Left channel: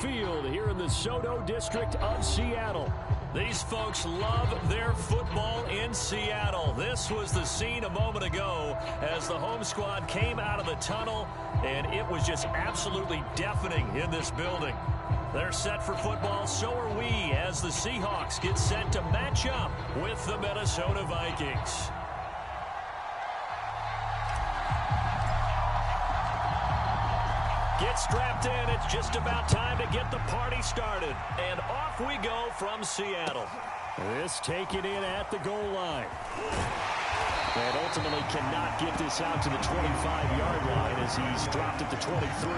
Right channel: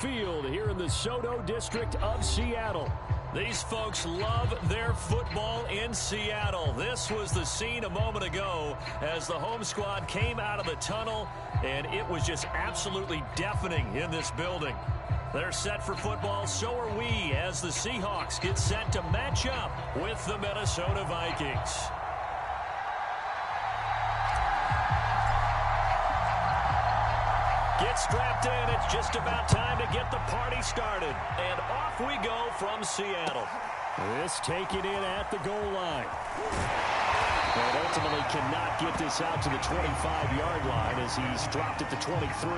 Field here in the Soto district of Seattle. These folks love their football in Seattle. This was the scene a moment ago as the home squad came out of the tunnel, and it was just absolutely deafening in this building. They're set for football, so are we, as the Seahawks get set to match up with the Minnesota Vikings. Get strapped in. It's just about time to get the party started. And off we go from Seattle. This taken in at the goal line. And ultimately cannot get this out to the 25-yard line as he's dropped at the 23.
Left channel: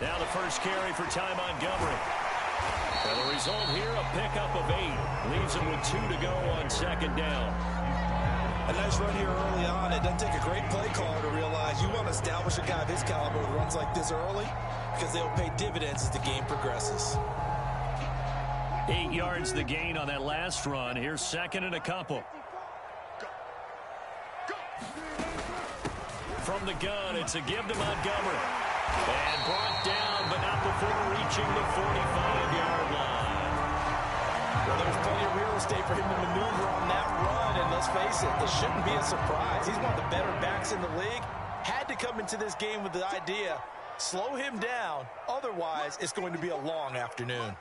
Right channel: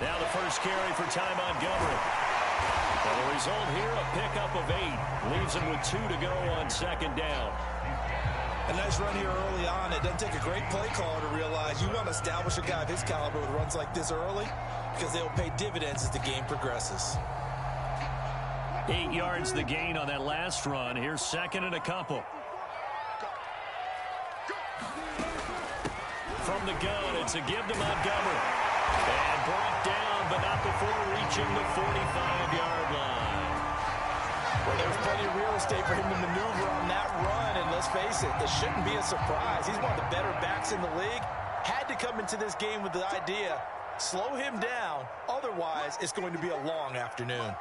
Now the first carry for Ty Montgomery. And the result here, a pickup of 8. Leaves him with 2 to go on second down. A nice run here early on. It doesn't take a great play caller to realize you want to establish a guy of his caliber with runs like this early because they'll pay dividends as the game progresses. 8 yards the gain on that last run. Here's second and a couple. From the gun, it's a give to Montgomery. And brought down, but not before reaching the 45-yard line. Well, there's plenty of real estate for him to maneuver on that run, and let's face it, it shouldn't be a surprise. He's one of the better backs in the league. Had to come into this game with the idea, slow him down, otherwise it's going to be a long afternoon.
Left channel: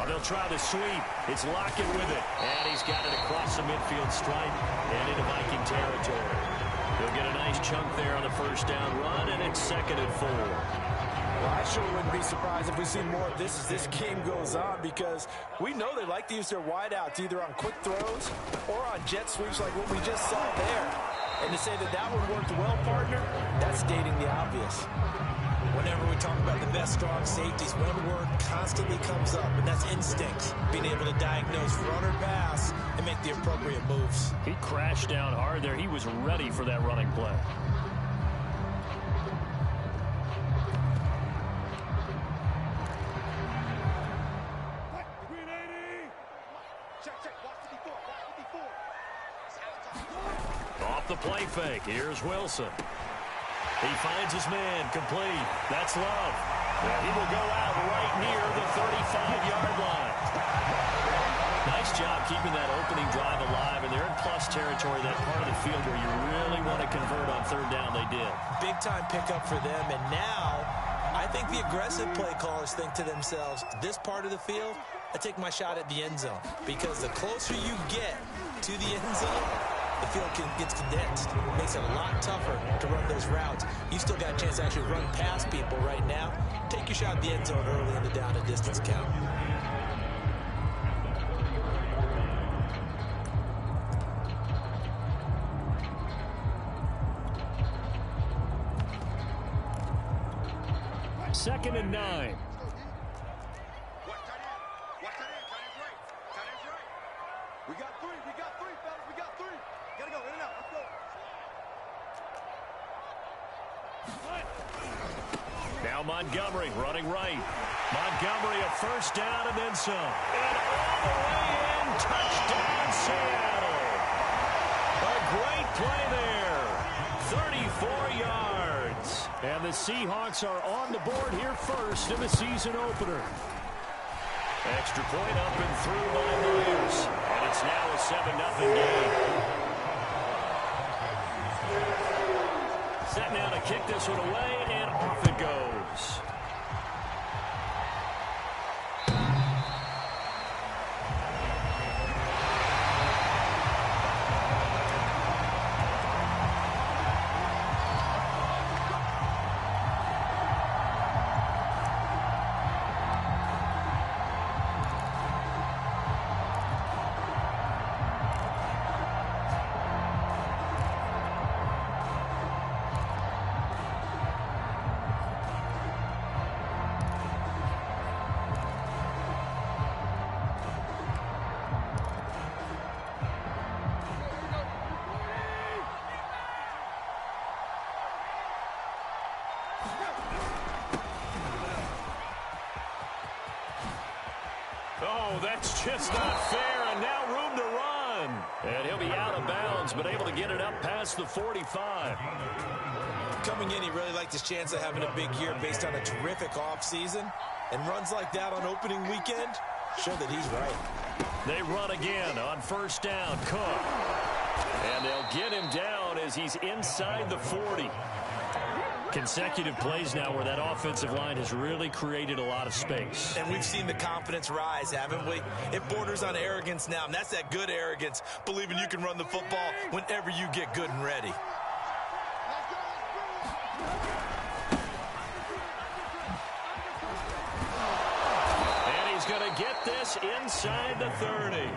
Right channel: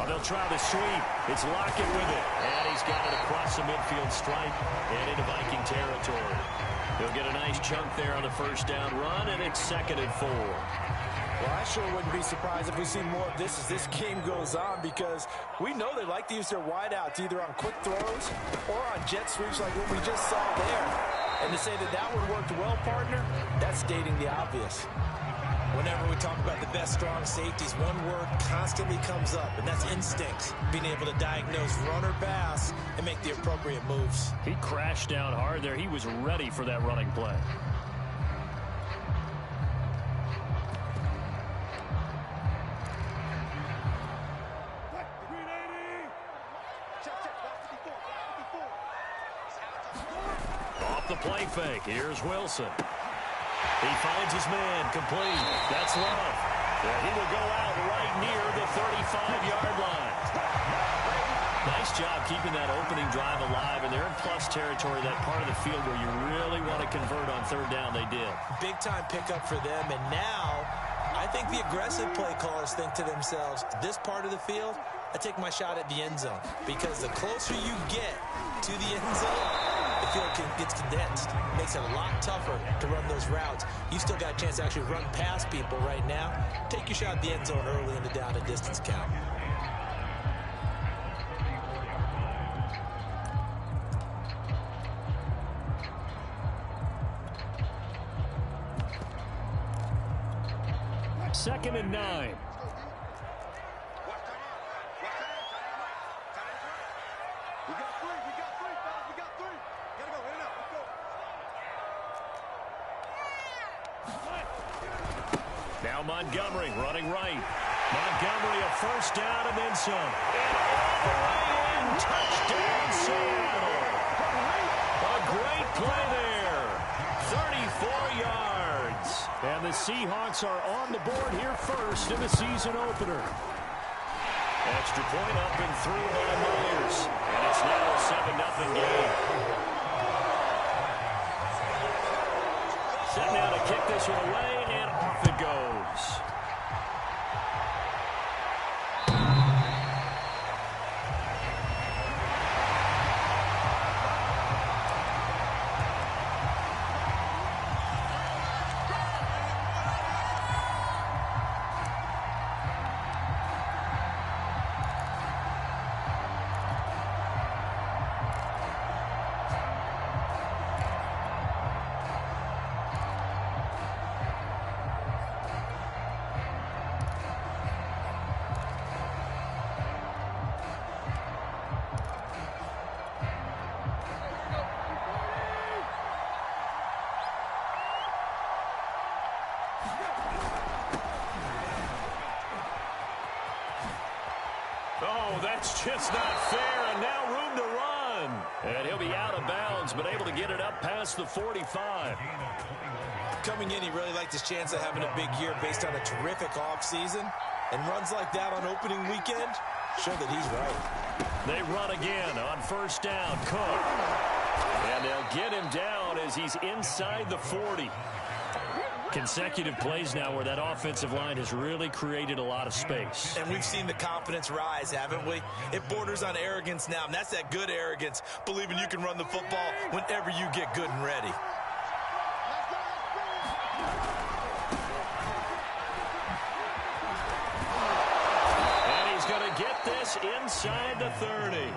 Oh, they'll try the sweep. It's Lockett with it. And he's got it across the midfield stripe and into Viking territory. He'll get a nice chunk there on the first down run, and it's second and 4. Well, I sure wouldn't be surprised if we see more of this as this game goes on, because we know they like to use their wideouts either on quick throws or on jet sweeps like what we just saw there. And to say that that one worked well, partner, that's stating the obvious. Whenever we talk about the best strong safeties, one word constantly comes up, and that's instincts. Being able to diagnose run or pass and make the appropriate moves. He crashed down hard there. He was ready for that running play. Off the play fake. Here's Wilson. He finds his man, complete. That's Love. He will go out right near the 35-yard line. Nice job keeping that opening drive alive, and they're in plus territory, that part of the field where you really want to convert on third down. They did. Big-time pickup for them, and now I think the aggressive play callers think to themselves, this part of the field, I take my shot at the end zone, because the closer you get to the end zone, the field gets condensed. It makes it a lot tougher to run those routes. You still got a chance to actually run past people right now. Take your shot at the end zone early in the down and distance count. Second and 9. Now Montgomery running right. Montgomery a first down and then some. And all the way in, touchdown Seattle. A great play there. 34 yards. And the Seahawks are on the board here first in the season opener. Extra point up and through by Myers. And it's now a 7-0 game. Set now to kick this one away, and off it goes. Oh, that's just not fair, and now room to run. And he'll be out of bounds, but able to get it up past the 45. Coming in, he really liked his chance of having a big year based on a terrific offseason. And runs like that on opening weekend show that he's right. They run again on first down. Cook. And they'll get him down as he's inside the 40. Consecutive plays now where that offensive line has really created a lot of space. And we've seen the confidence rise, haven't we? It borders on arrogance now, and that's that good arrogance, believing you can run the football whenever you get good and ready. And he's going to get this inside the 30.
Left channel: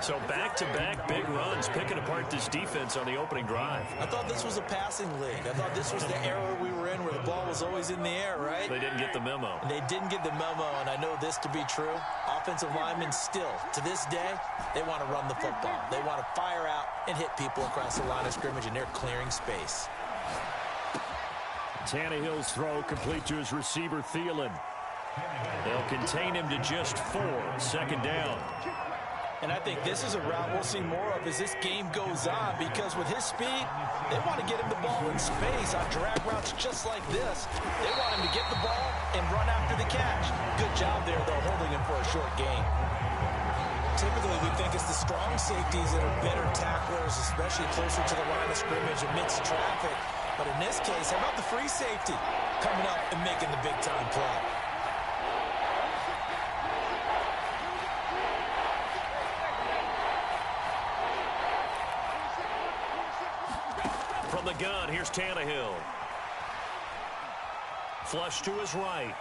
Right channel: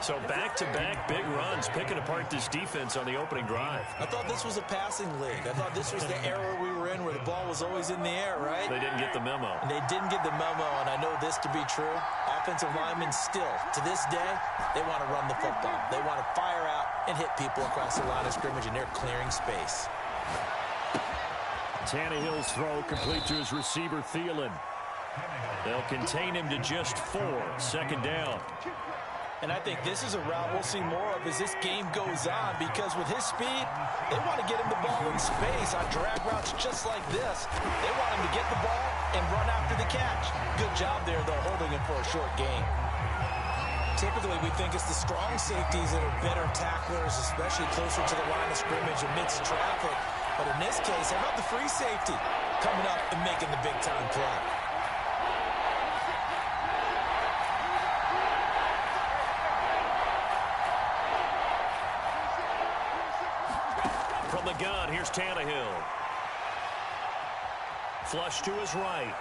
So back-to-back big runs, picking apart this defense on the opening drive. I thought this was a passing league. I thought this was the era we were in where the ball was always in the air, right? They didn't get the memo. And they didn't get the memo, and I know this to be true. Offensive linemen still, to this day, they want to run the football. They want to fire out and hit people across the line of scrimmage, and they're clearing space. Tannehill's throw complete to his receiver, Thielen. They'll contain him to just 4. Second down. And I think this is a route we'll see more of as this game goes on, because with his speed, they want to get him the ball in space on drag routes just like this. They want him to get the ball and run after the catch. Good job there, though, holding him for a short gain. Typically, we think it's the strong safeties that are better tacklers, especially closer to the line of scrimmage amidst traffic. But in this case, how about the free safety coming up and making the big-time play? From the gun, here's Tannehill. Flush to his right.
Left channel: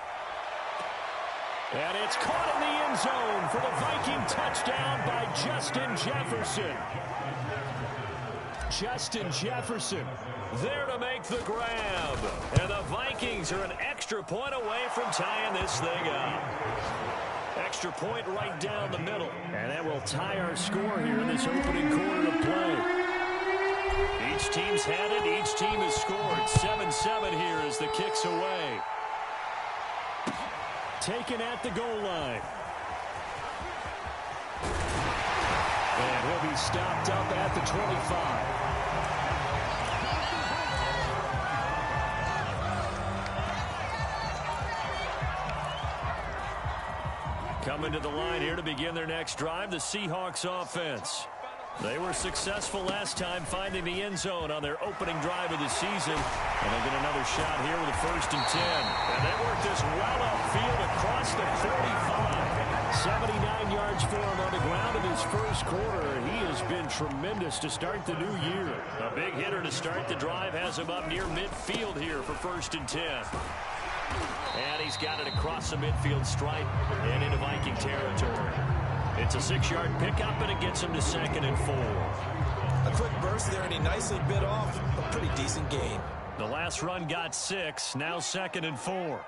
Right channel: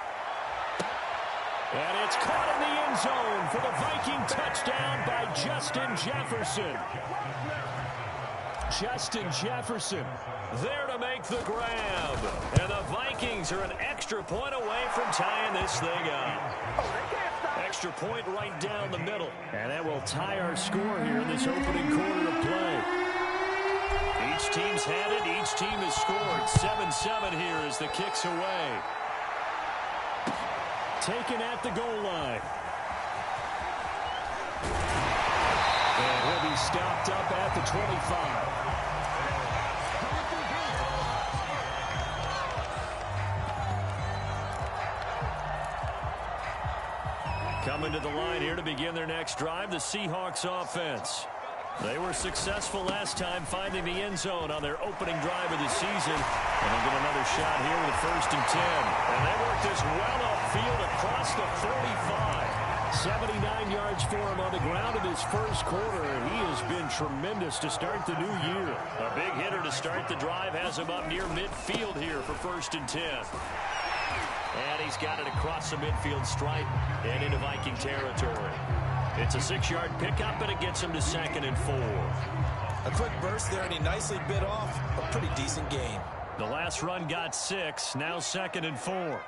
And it's caught in the end zone for the Viking touchdown by Justin Jefferson. Justin Jefferson there to make the grab. And the Vikings are an extra point away from tying this thing up. Extra point right down the middle. And that will tie our score here in this opening quarter of play. Each team's had it. Each team has scored. 7-7 here as the kick's away. Taken at the goal line. And he'll be stopped up at the 25. Coming to the line here to begin their next drive, the Seahawks offense. They were successful last time finding the end zone on their opening drive of the season. And they'll get another shot here with a 1st and 10. And they work this well upfield across the 45. 79 yards for him on the ground in his first quarter. And he has been tremendous to start the new year. A big hitter to start the drive has him up near midfield here for 1st and 10. And he's got it across the midfield stripe and into Viking territory. It's a 6-yard pickup, and it gets him to 2nd and 4. A quick burst there, and he nicely bit off a pretty decent gain. The last run got 6, now 2nd and 4.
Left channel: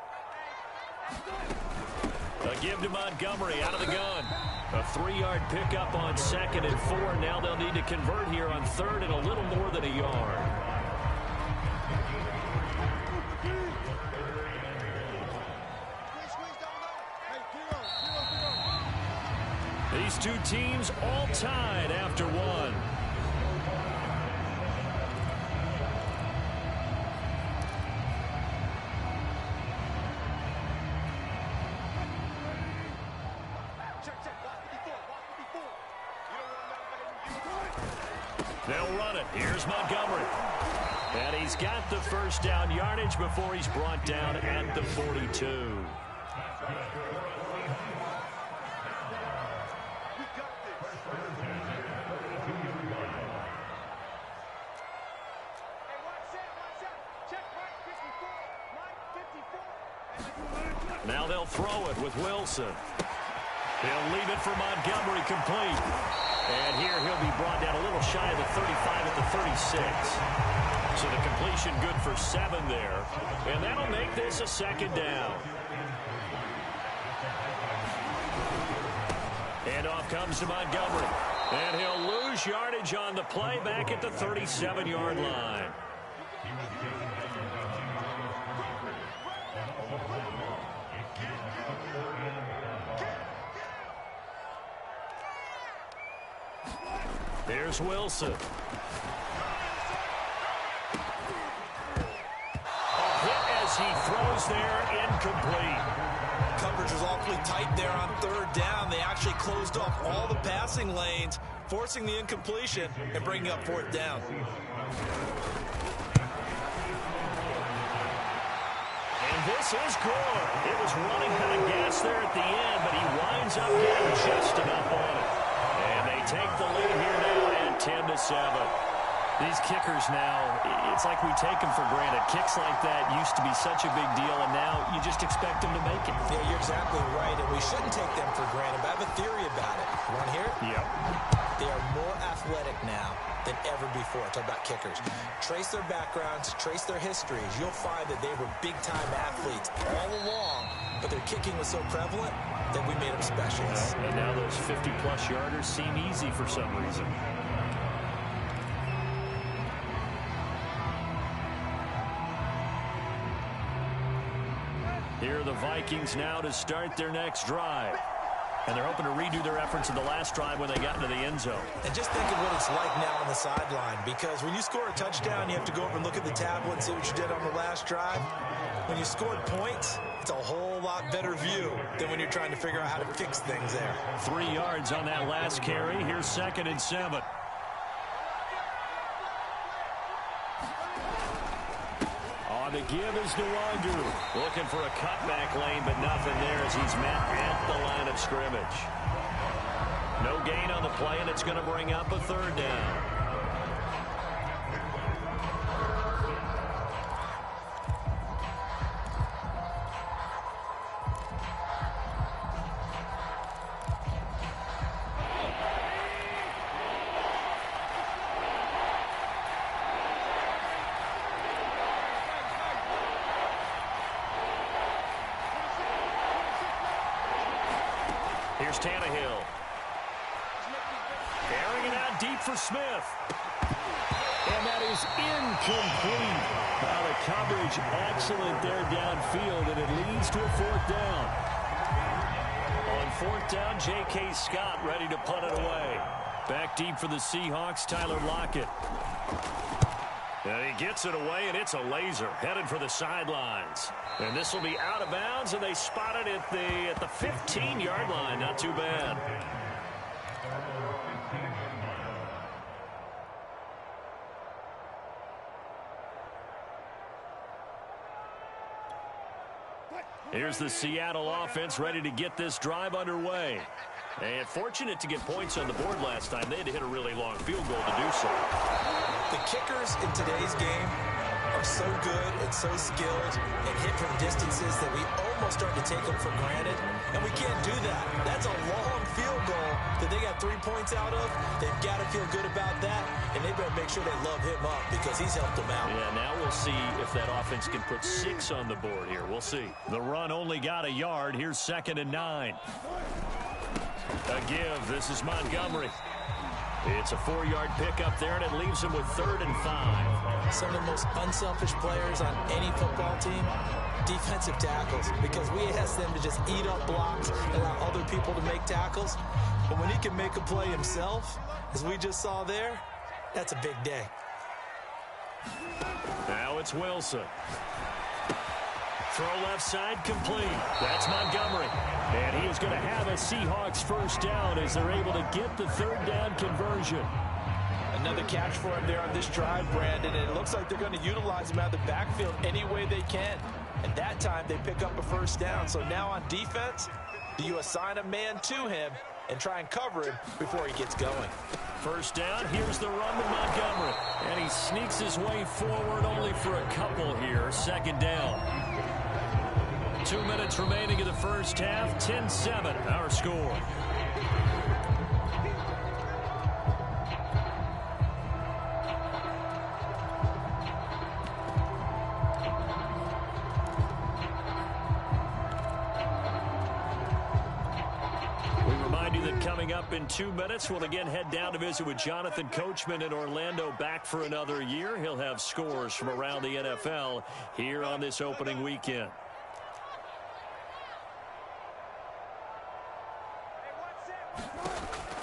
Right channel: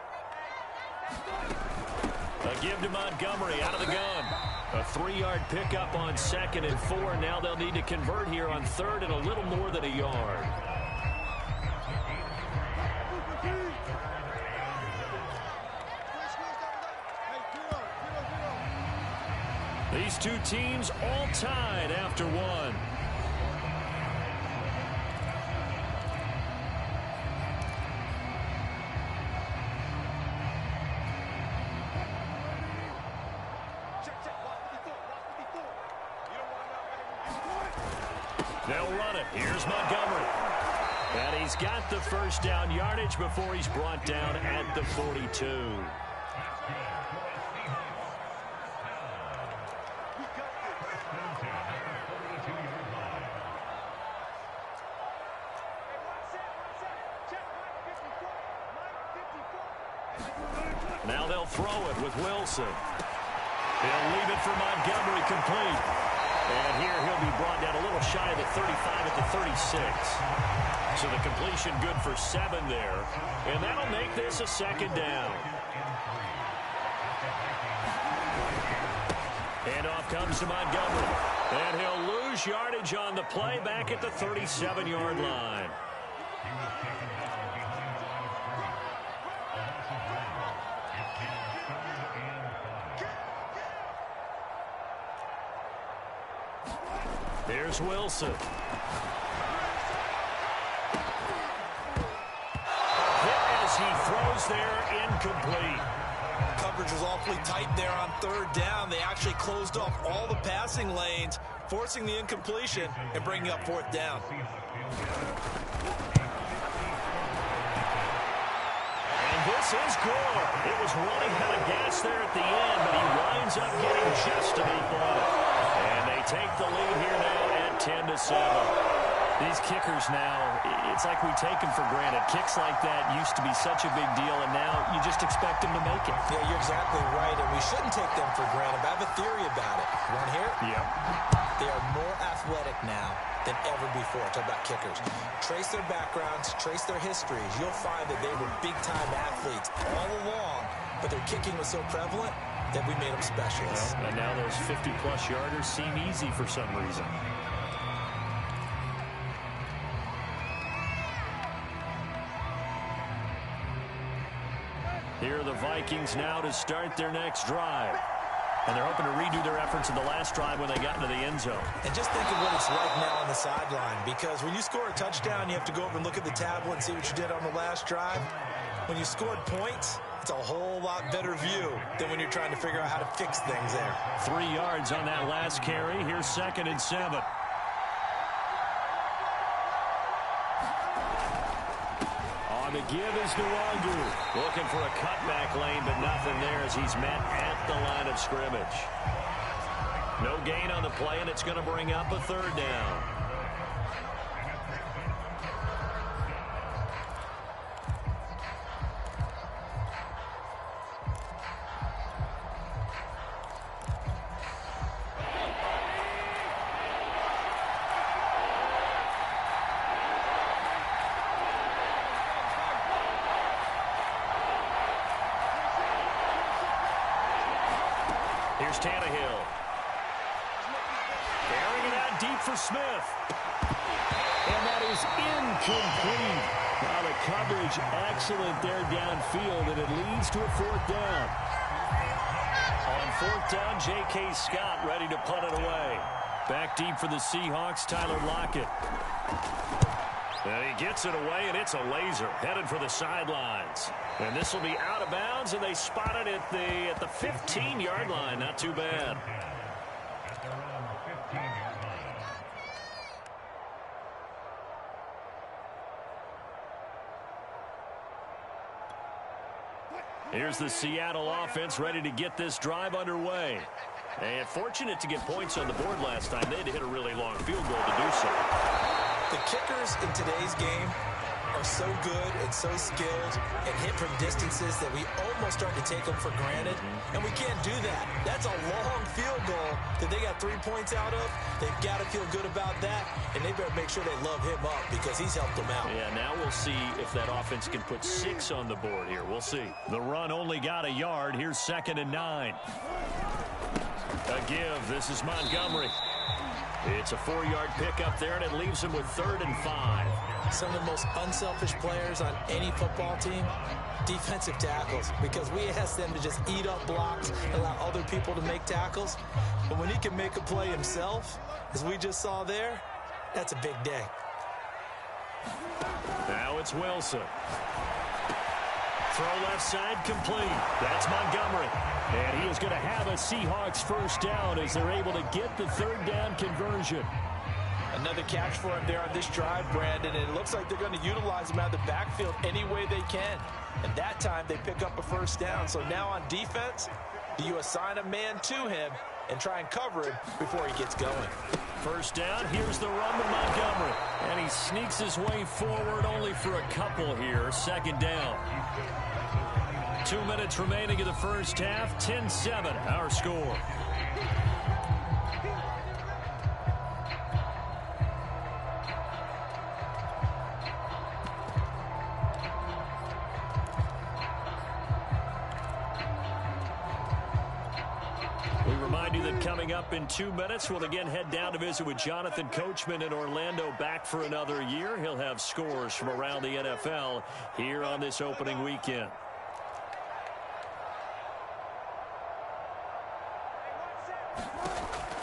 A give to Montgomery out of the gun. A 3-yard pickup on 2nd and 4. Now they'll need to convert here on 3rd and a little more than a yard. These two teams all tied after one. They'll run it. Here's Montgomery. And he's got the 1st down yardage before he's brought down at the 42. Now they'll throw it with Wilson. He'll leave it for Montgomery complete. And here he'll be brought down a little shy of the 35 at the 36. So the completion good for 7 there. And that'll make this a 2nd down. Handoff comes to Montgomery. And he'll lose yardage on the play back at the 37-yard line. Here's Wilson. A hit as he throws there, incomplete. Coverage was awfully tight there on third down. They actually closed off all the passing lanes, forcing the incompletion and bringing up fourth down. And this is Gore. It was running out of gas there at the end, but he winds up getting just enough on it. And they take the lead here now at 10-7. These kickers now, it's like we take them for granted. Kicks like that used to be such a big deal, and now you just expect them to make it. Yeah, you're exactly right, and we shouldn't take them for granted, but I have a theory about it. You want to hear it? Yep. They are more athletic now than ever before. Talk about kickers. Trace their backgrounds, trace their histories. You'll find that they were big-time athletes all along, but their kicking was so prevalent that we made them specialists. Well, and now those 50-plus yarders seem easy for some reason. Here are the Vikings now to start their next drive. And they're hoping to redo their efforts in the last drive when they got into the end zone. And just think of what it's like now on the sideline, because when you score a touchdown, you have to go over and look at the tablet and see what you did on the last drive. When you scored points, it's a whole lot better view than when you're trying to figure out how to fix things there. 3 yards on that last carry. Here's 2nd and 7. On the give is Nwangu. Looking for a cutback lane, but nothing there as he's met at the line of scrimmage. No gain on the play, and it's going to bring up a 3rd down. Here's Tannehill. Carrying it out deep for Smith. And that is incomplete. The coverage excellent there downfield, and it leads to a 4th down. On 4th down, J.K. Scott ready to punt it away. Back deep for the Seahawks, Tyler Lockett. And he gets it away, and it's a laser headed for the sidelines. And this will be out of bounds, and they spot it at the 15-yard line. Not too bad. Here's the Seattle offense ready to get this drive underway. And fortunate to get points on the board last time. They had to hit a really long field goal to do so. The kickers in today's game are so good and so skilled and hit from distances that we almost start to take them for granted, and we can't do that. That's a long field goal that they got 3 points out of. They've got to feel good about that, and they better make sure they love him up because he's helped them out. Yeah, now we'll see if that offense can put 6 on the board here. We'll see. The run only got a yard. Here's 2nd and 9. A give. This is Montgomery. It's a 4-yard pickup there, and it leaves him with 3rd and 5. Some of the most unselfish players on any football team, defensive tackles, because we ask them to just eat up blocks, allow other people to make tackles. But when he can make a play himself, as we just saw there, that's a big day. Now it's Wilson. Throw left side complete. That's Montgomery. And he is going to have a Seahawks 1st down as they're able to get the 3rd down conversion. Another catch for him there on this drive, Brandon, and it looks like they're going to utilize him out of the backfield any way they can. And that time they pick up a 1st down. So now on defense, do you assign a man to him and try and cover him before he gets going? 1st down, here's the run to Montgomery. And he sneaks his way forward only for a couple here. 2nd down. 2 minutes remaining in the 1st half. 10-7, our score. We remind you that coming up in 2 minutes, we'll again head down to visit with Jonathan Coachman in Orlando, back for another year. He'll have scores from around the NFL here on this opening weekend.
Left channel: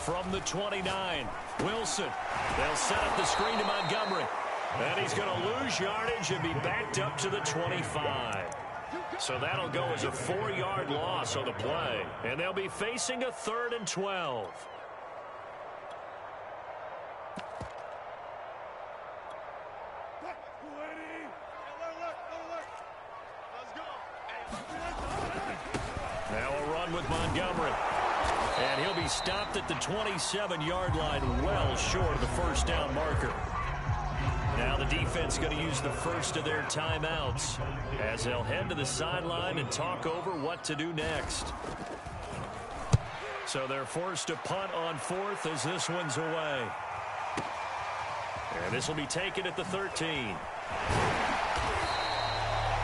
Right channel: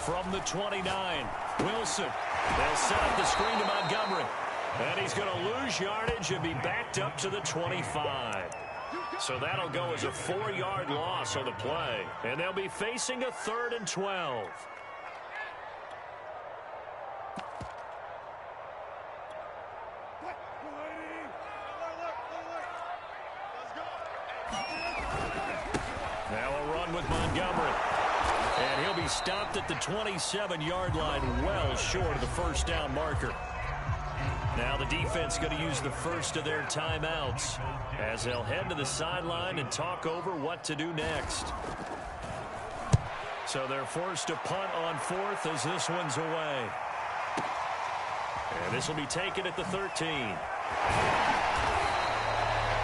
from the 29. Wilson. They'll set up the screen to Montgomery. And he's going to lose yardage and be backed up to the 25. So that'll go as a 4-yard loss on the play. And they'll be facing a 3rd and 12. Now a run with Montgomery. And he'll be stopped at the 27-yard line, well short of the first down marker. Now the defense going to use the first of their timeouts as they'll head to the sideline and talk over what to do next. So they're forced to punt on 4th as this one's away. And this will be taken at the 13.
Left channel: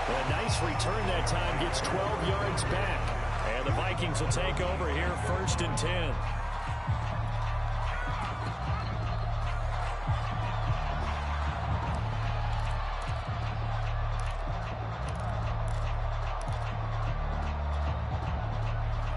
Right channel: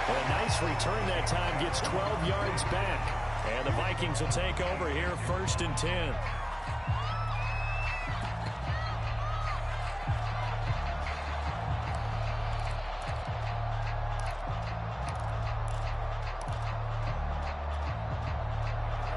A nice return that time, gets 12 yards back. And the Vikings will take over here, 1st and 10.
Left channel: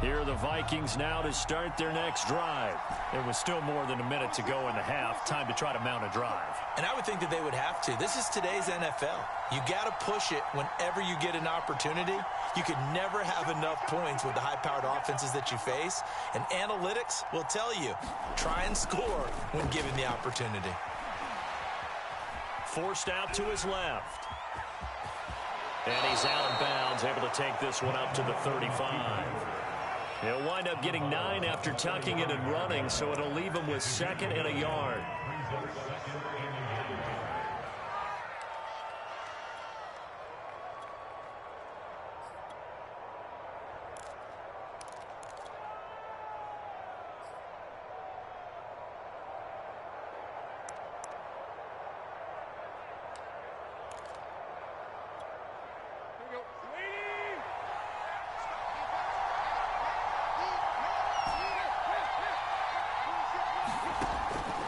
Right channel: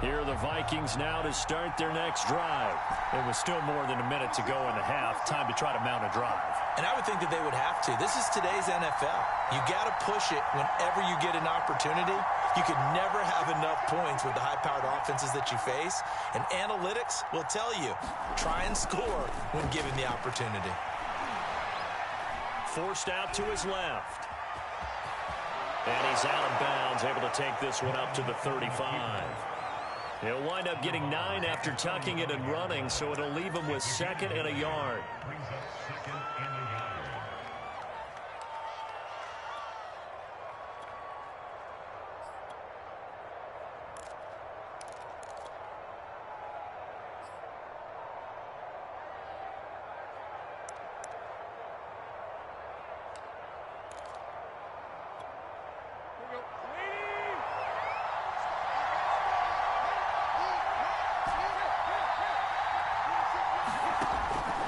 Here are the Vikings now to start their next drive. It was still more than a minute to go in the half. Time to try to mount a drive. And I would think that they would have to. This is today's NFL. You got to push it whenever you get an opportunity. You could never have enough points with the high-powered offenses that you face. And analytics will tell you, try and score when given the opportunity. Forced out to his left. And he's out of bounds, able to take this one up to the 35. He'll wind up getting 9 after tucking it and running, so it'll leave him with 2nd and a yard.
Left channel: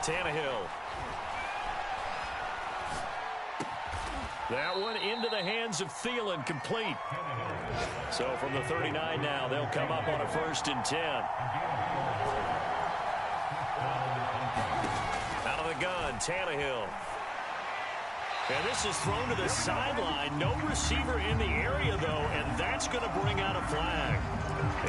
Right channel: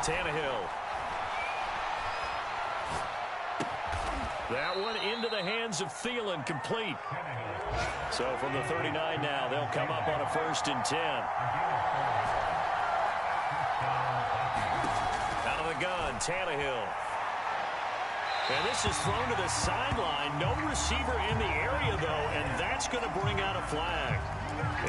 Tannehill. That one into the hands of Thielen, complete. So from the 39 now, they'll come up on a 1st and 10. Out of the gun, Tannehill. And this is thrown to the sideline. No receiver in the area, though, and that's going to bring out a flag.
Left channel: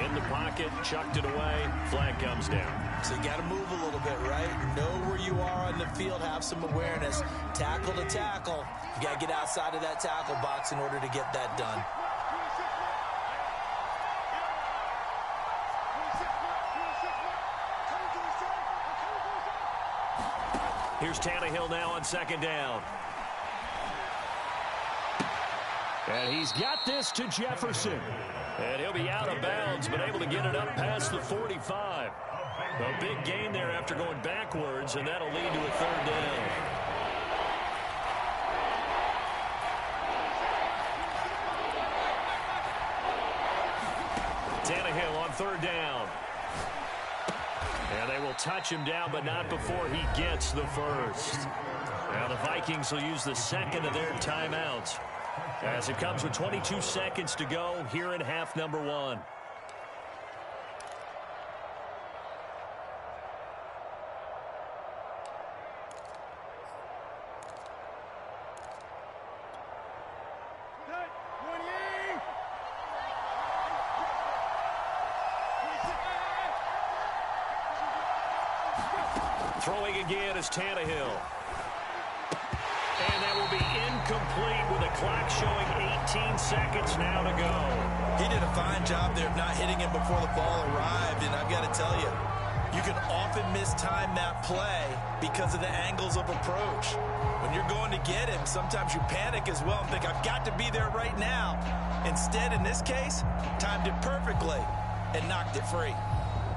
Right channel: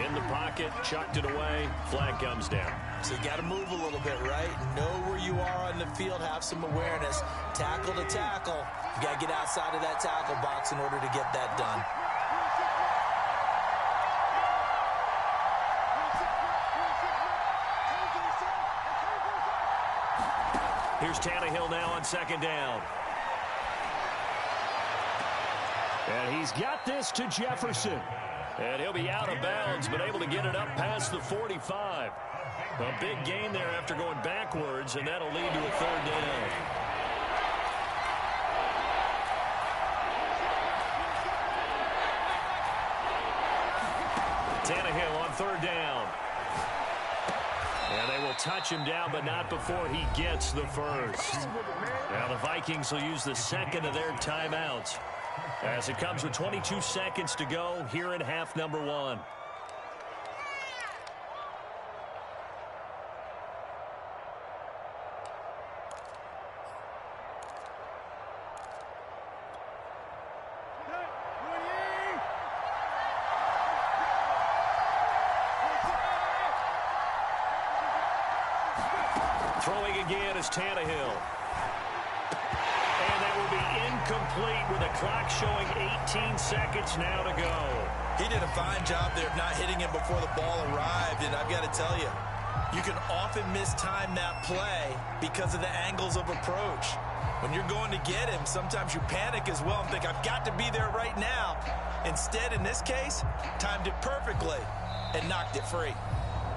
In the pocket, chucked it away, flag comes down. So you got to move a little bit, right? Know where you are on the field, have some awareness. Tackle to tackle. You got to get outside of that tackle box in order to get that done. Here's Tannehill now on 2nd down. And he's got this to Jefferson. And he'll be out of bounds, but able to get it up past the 45. A big gain there after going backwards, and that'll lead to a 3rd down. Tannehill on 3rd down. And they will touch him down, but not before he gets the first. Now the Vikings will use the 2nd of their timeouts, as it comes with 22 seconds to go here in half number 1. Throwing again is Tannehill. And that will be incomplete with a clock showing 18 seconds now to go. He did a fine job there of not hitting him before the ball arrived, and I've got to tell you, you can often mistime that play because of the angles of approach. When you're going to get him, sometimes you panic as well and think, I've got to be there right now. Instead, in this case, timed it perfectly and knocked it free.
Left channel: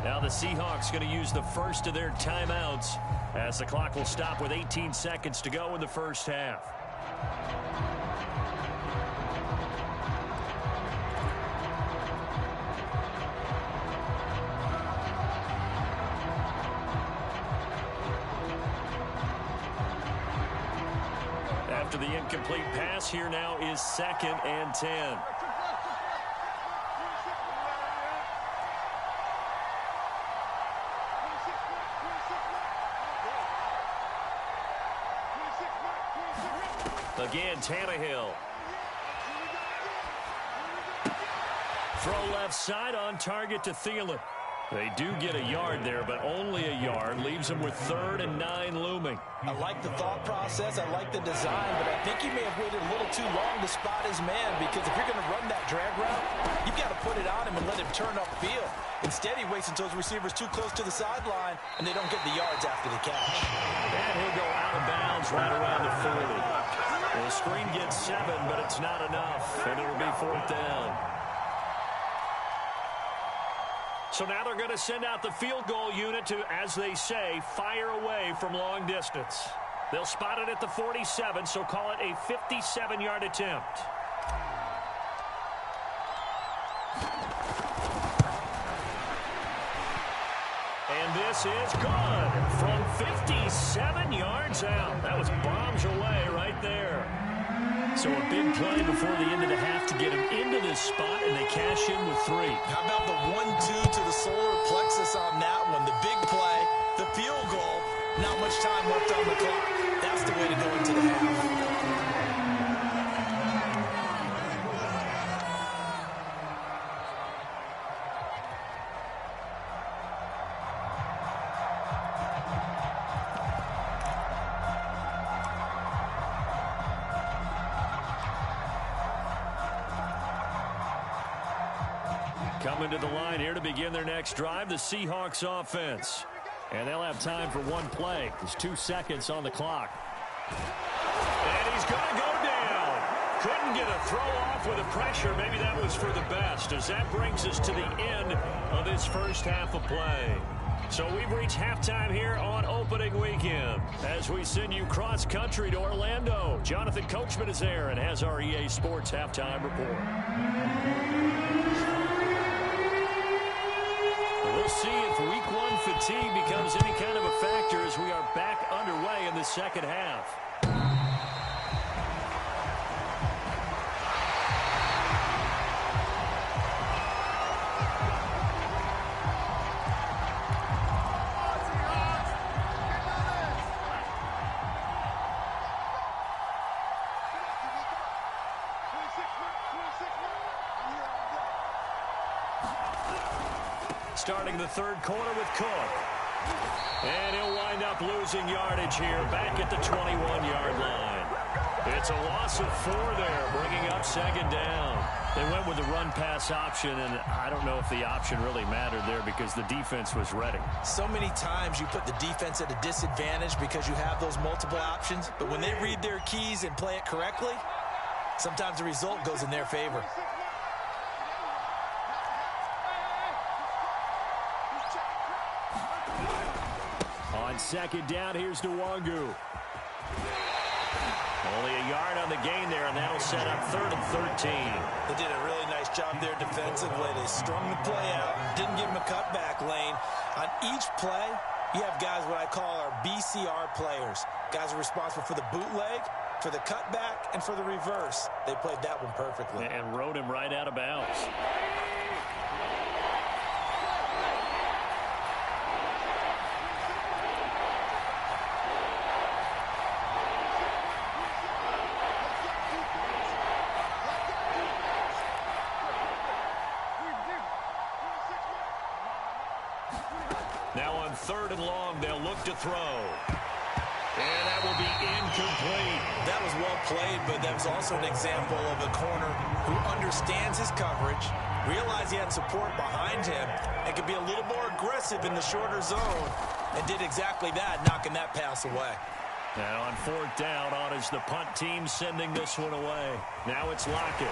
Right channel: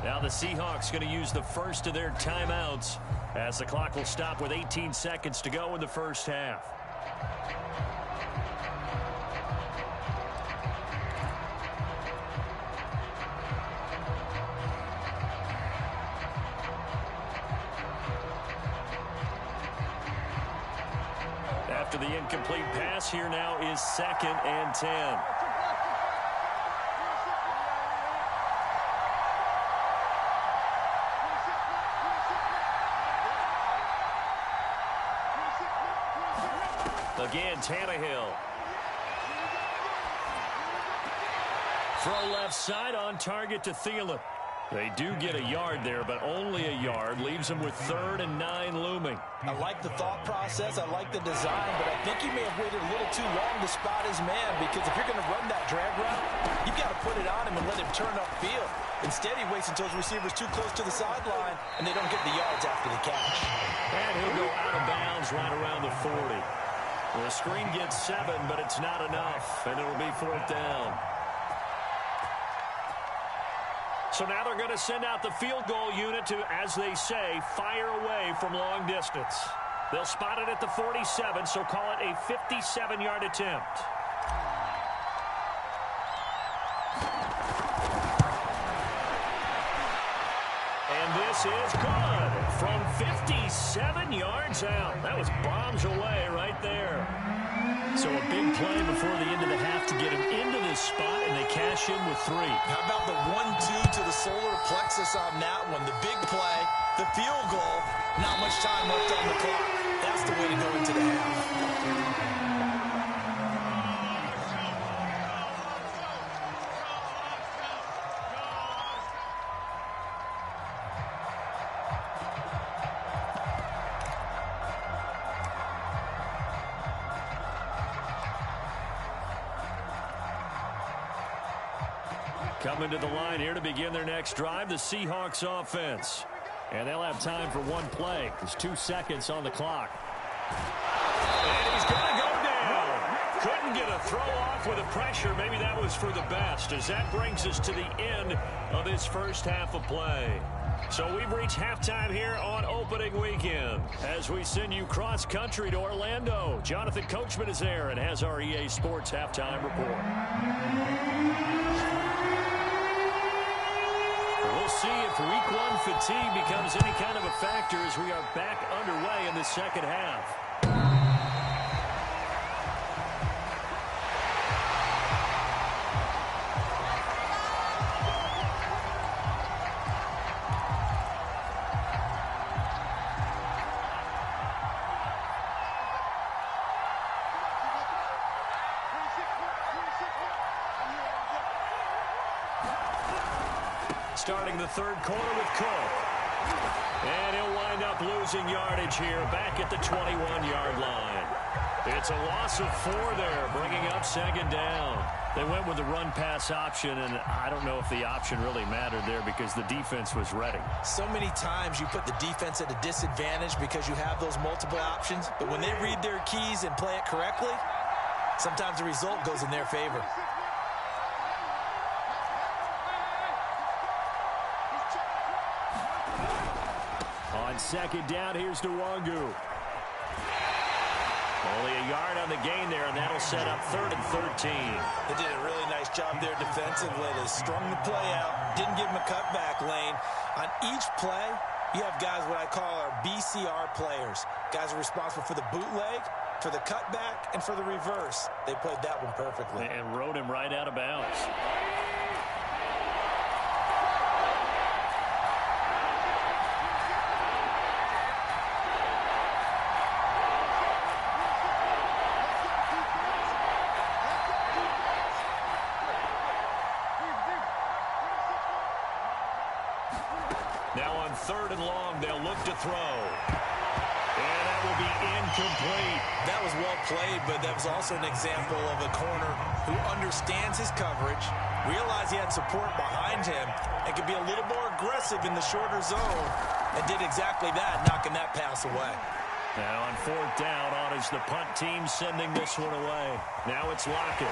Now the Seahawks going to use the first of their timeouts as the clock will stop with 18 seconds to go in the first half. After the incomplete pass, here now is 2nd and 10. Again, Tannehill. Throw left side on target to Thielen. They do get a yard there, but only a yard. Leaves them with 3rd and 9 looming. I like the thought process. I like the design, but I think he may have waited a little too long to spot his man, because if you're going to run that drag route, you've got to put it on him and let him turn upfield. Instead, he waits until his receiver's too close to the sideline, and they don't get the yards after the catch. And he'll go out of bounds right around the 40. Well, the screen gets 7, but it's not enough, and it'll be 4th down. So now they're going to send out the field goal unit to, as they say, fire away from long distance. They'll spot it at the 47, so call it a 57-yard attempt. And this is good from 57 yards out. That was bombs away right there. So a big play before the end of the half to get him into this spot, and they cash in with 3. How about the 1-2 to the solar plexus on that one? The big play, the field goal, not much time left on the clock. That's the way to go into the half. Coming to the line here to begin their next drive, the Seahawks offense. And they'll have time for one play. There's 2 seconds on the clock. And he's going to go down. Couldn't get a throw off with the pressure. Maybe that was for the best, as that brings us to the end of this first half of play. So we've reached halftime here on opening weekend as we send you cross-country to Orlando. Jonathan Coachman is there and has our EA Sports halftime report. We'll see if week 1 fatigue becomes any kind of a factor as we are back underway in the second half. Starting the third quarter with Cook. And he'll wind up losing yardage here back at the 21-yard line. It's a loss of 4 there, bringing up second down. They went with the run-pass option, and I don't know if the option really mattered there because the defense was ready. So many times you put the defense at a disadvantage because you have those multiple options, but when they read their keys and play it correctly, sometimes the result goes in their favor. On second down, here's Nwangu. Only a yard on the gain there, and that'll set up 3rd and 13. They did a really nice job there defensively. They strung the play out, didn't give them a cutback lane. On each play, you have guys what I call our BCR players. Guys are responsible for the bootleg, for the cutback, and for the reverse. They played that one perfectly. And rode him right out of bounds. Now on 3rd and long, they'll look to throw. And that will be incomplete. That was well played, but that was also an example of a corner who understands his coverage, realized he had support behind him, and could be a little more aggressive in the shorter zone, and did exactly that, knocking that pass away. And on 4th down, on is the punt team sending this one away. Now it's Lockett.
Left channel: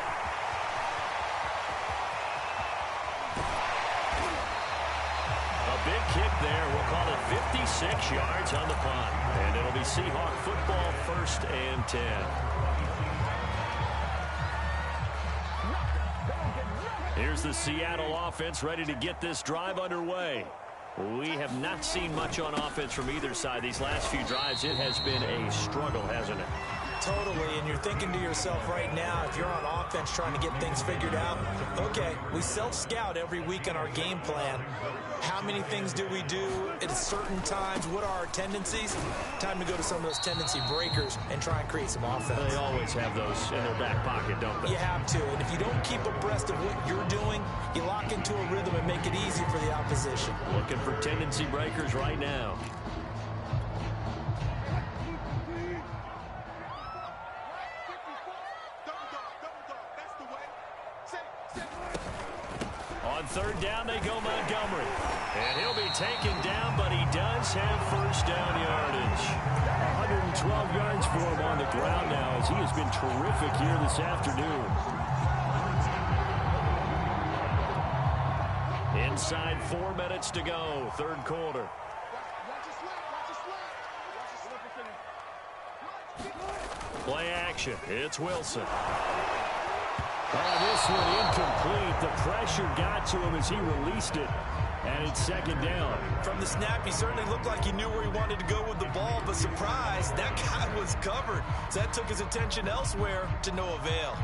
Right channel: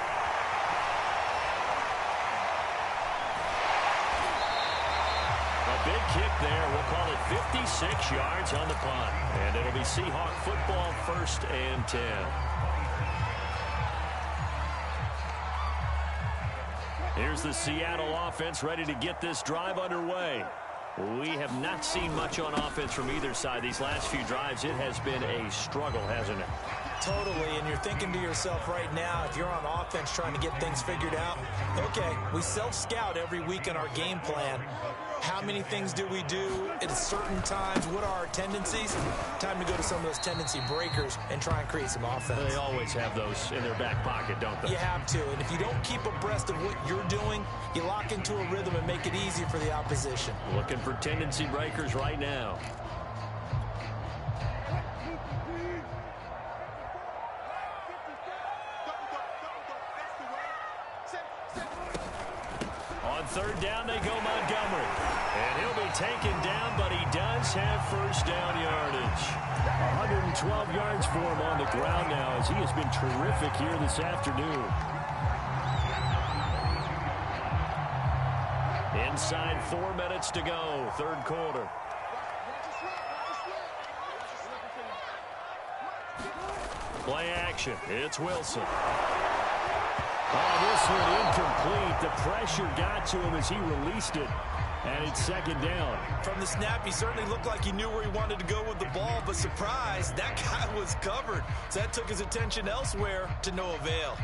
A big kick there. We'll call it 56 yards on the punt. And it'll be Seahawk football, 1st and 10. Here's the Seattle offense ready to get this drive underway. We have not seen much on offense from either side these last few drives. It has been a struggle, hasn't it? Totally, and you're thinking to yourself right now, if you're on offense trying to get things figured out, okay, we self-scout every week in our game plan. How many things do we do at certain times? What are our tendencies? Time to go to some of those tendency breakers and try and create some offense. They always have those in their back pocket, don't they? You have to, and if you don't keep abreast of what you're doing, you lock into a rhythm and make it easy for the opposition. Looking for tendency breakers right now. On third down, they go Montgomery. And he'll be taken down, but he does have first down yardage. 112 yards for him on the ground now, as he has been terrific here this afternoon. Inside 4 minutes to go, third quarter. Play action. It's Wilson. Oh, this one incomplete. The pressure got to him as he released it, and it's second down. From the snap, he certainly looked like he knew where he wanted to go with the ball, but surprise, that guy was covered. So that took his attention elsewhere to no avail.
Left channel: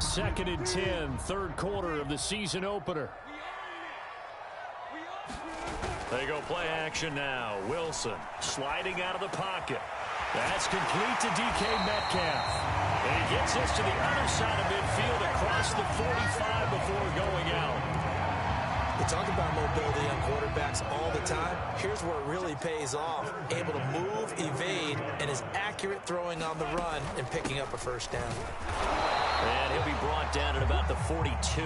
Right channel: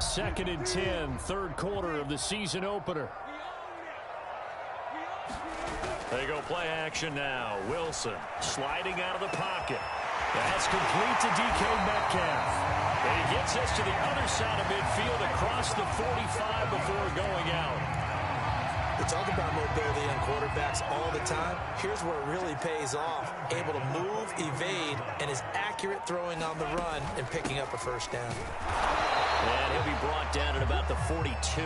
Second and 10, third quarter of the season opener. They go play action now. Wilson sliding out of the pocket. That's complete to DK Metcalf. And he gets us to the other side of midfield across the 45 before going out. We talk about mobility on quarterbacks all the time. Here's where it really pays off. Able to move, evade, and is accurate throwing on the run and picking up a first down. And he'll be brought down at about the 42.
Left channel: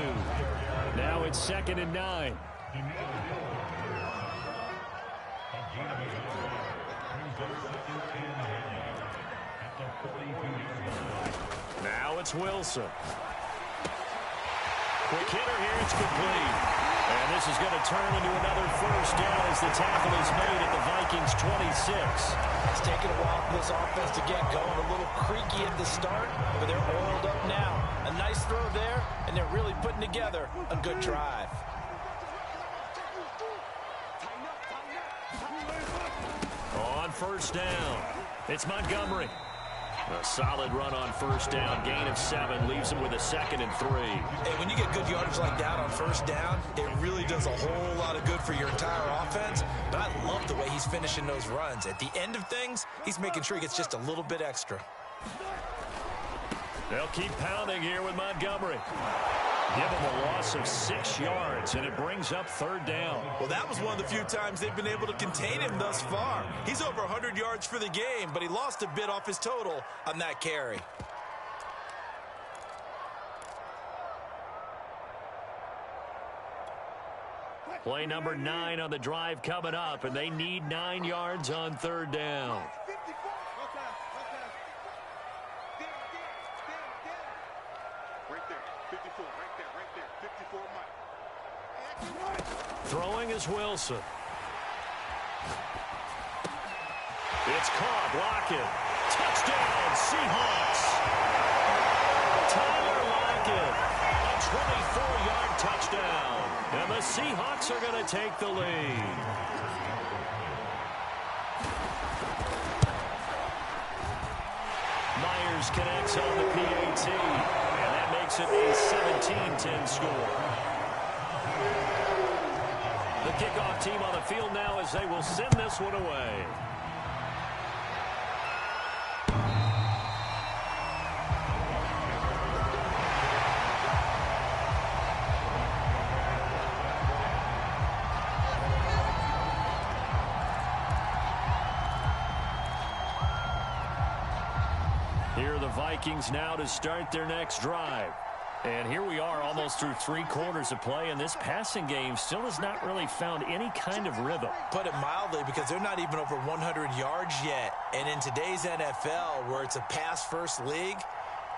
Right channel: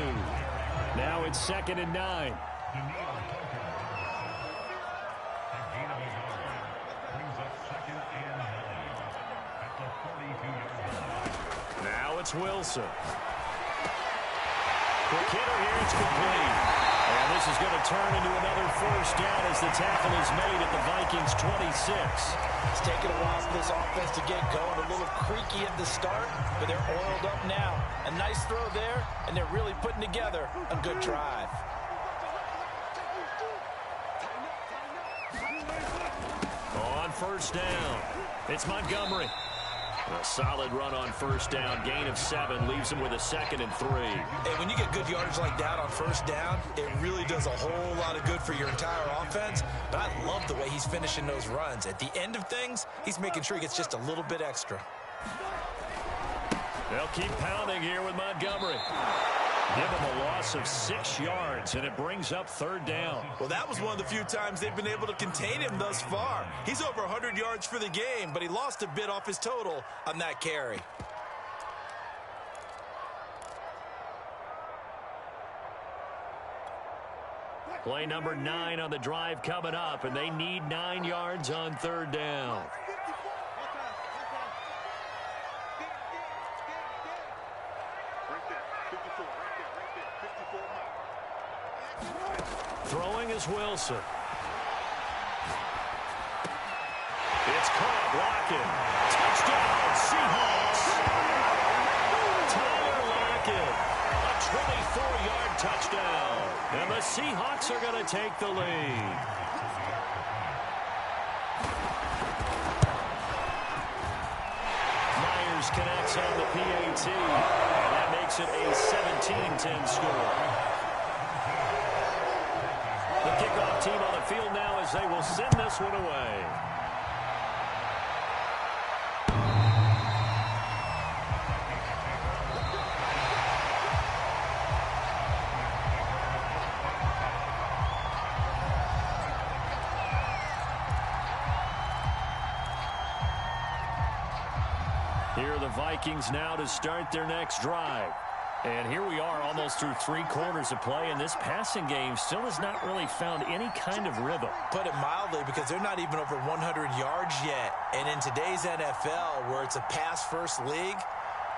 Now it's second and 9. Now it's Wilson. Quick hitter here, it's complete. And this is going to turn into another first down as the tackle is made at the Vikings 26. It's taken a while for this offense to get going. A little creaky at the start, but they're oiled up now. A nice throw there, and they're really putting together a good drive. On first down, it's Montgomery. A solid run on first down. Gain of 7 leaves him with a second and 3. And when you get good yardage like that on first down, it really does a whole lot of good for your entire offense. But I love the way he's finishing those runs. At the end of things, he's making sure he gets just a little bit extra. They'll keep pounding here with Montgomery. Give him a loss of 6 yards, and it brings up third down. Well, that was one of the few times they've been able to contain him thus far. He's over 100 yards for the game, but he lost a bit off his total on that carry. Play number 9 on the drive coming up, and they need 9 yards on third down. Throwing is Wilson. It's caught, Lockett. Touchdown, Seahawks. Tyler Lockett, a 24-yard touchdown. And the Seahawks are going to take the lead. Myers connects on the PAT, and that makes it a 17-10 score. The kickoff team on the field now as they will send this one away. Here are the Vikings now to start their next drive. And here we are almost through 3 quarters of play, and this passing game still has not really found any kind of rhythm. Put it mildly, because they're not even over 100 yards yet. And in today's NFL, where it's a pass-first league,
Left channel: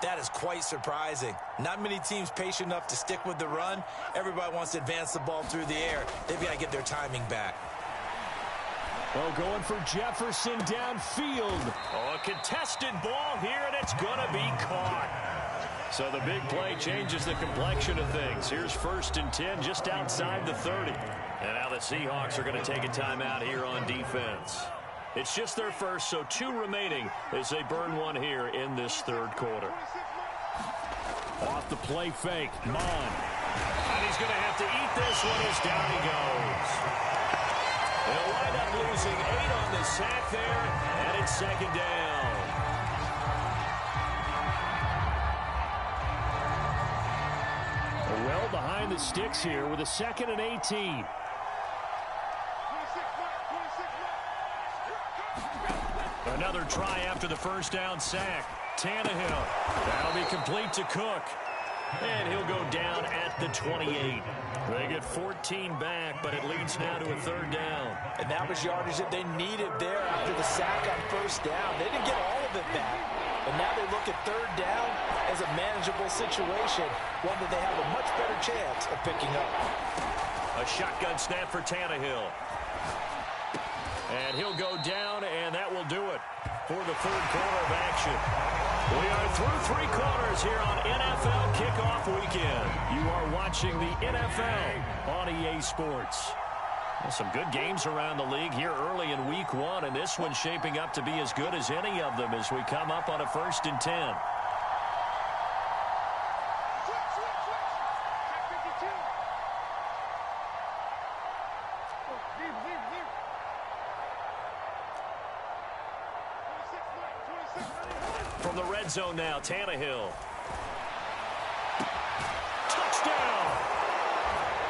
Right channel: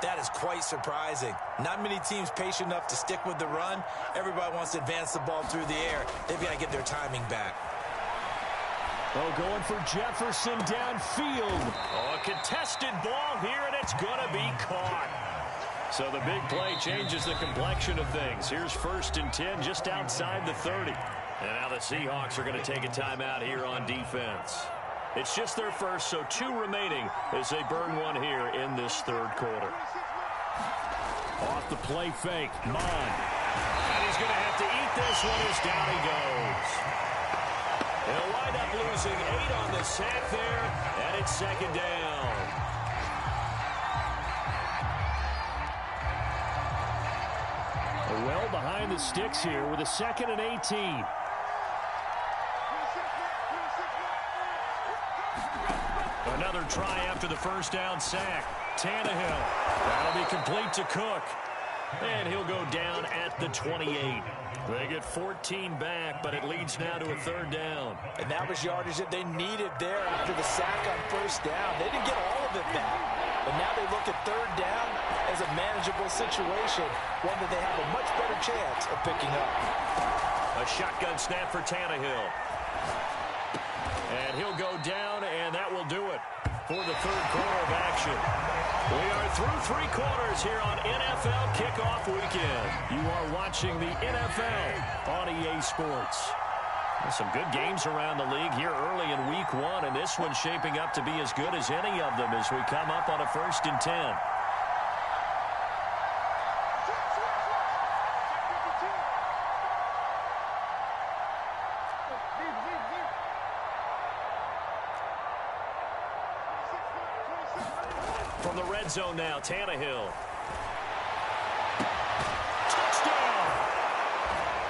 that is quite surprising. Not many teams patient enough to stick with the run. Everybody wants to advance the ball through the air. They've got to get their timing back. Oh, going for Jefferson downfield. Oh, a contested ball here, and it's going to be caught. So the big play changes the complexion of things. Here's 1st and 10 just outside the 30. And now the Seahawks are going to take a timeout here on defense. It's just their first, so 2 remaining as they burn one here in this 3rd quarter. Off the play fake, Mon. And he's going to have to eat this one as down he goes. He'll wind up losing 8 on the sack there, and it's 2nd down. Well behind the sticks here with a 2nd and 18. Another try after the 1st down sack. Tannehill. That'll be complete to Cook. And he'll go down at the 28. They get 14 back, but it leads now to a 3rd down. And that was yardage that they needed there after the sack on 1st down. They didn't get all of it back, but now they look at 3rd down as a manageable situation, one that they have a much better chance of picking up. A shotgun snap for Tannehill. And he'll go down, and that will do it for the 3rd quarter of action. We are through 3 quarters here on NFL Kickoff Weekend. You are watching the NFL on EA Sports. Well, some good games around the league here early in Week 1, and this one's shaping up to be as good as any of them as we come up on a 1st and 10. From the red zone now, Tannehill. Touchdown!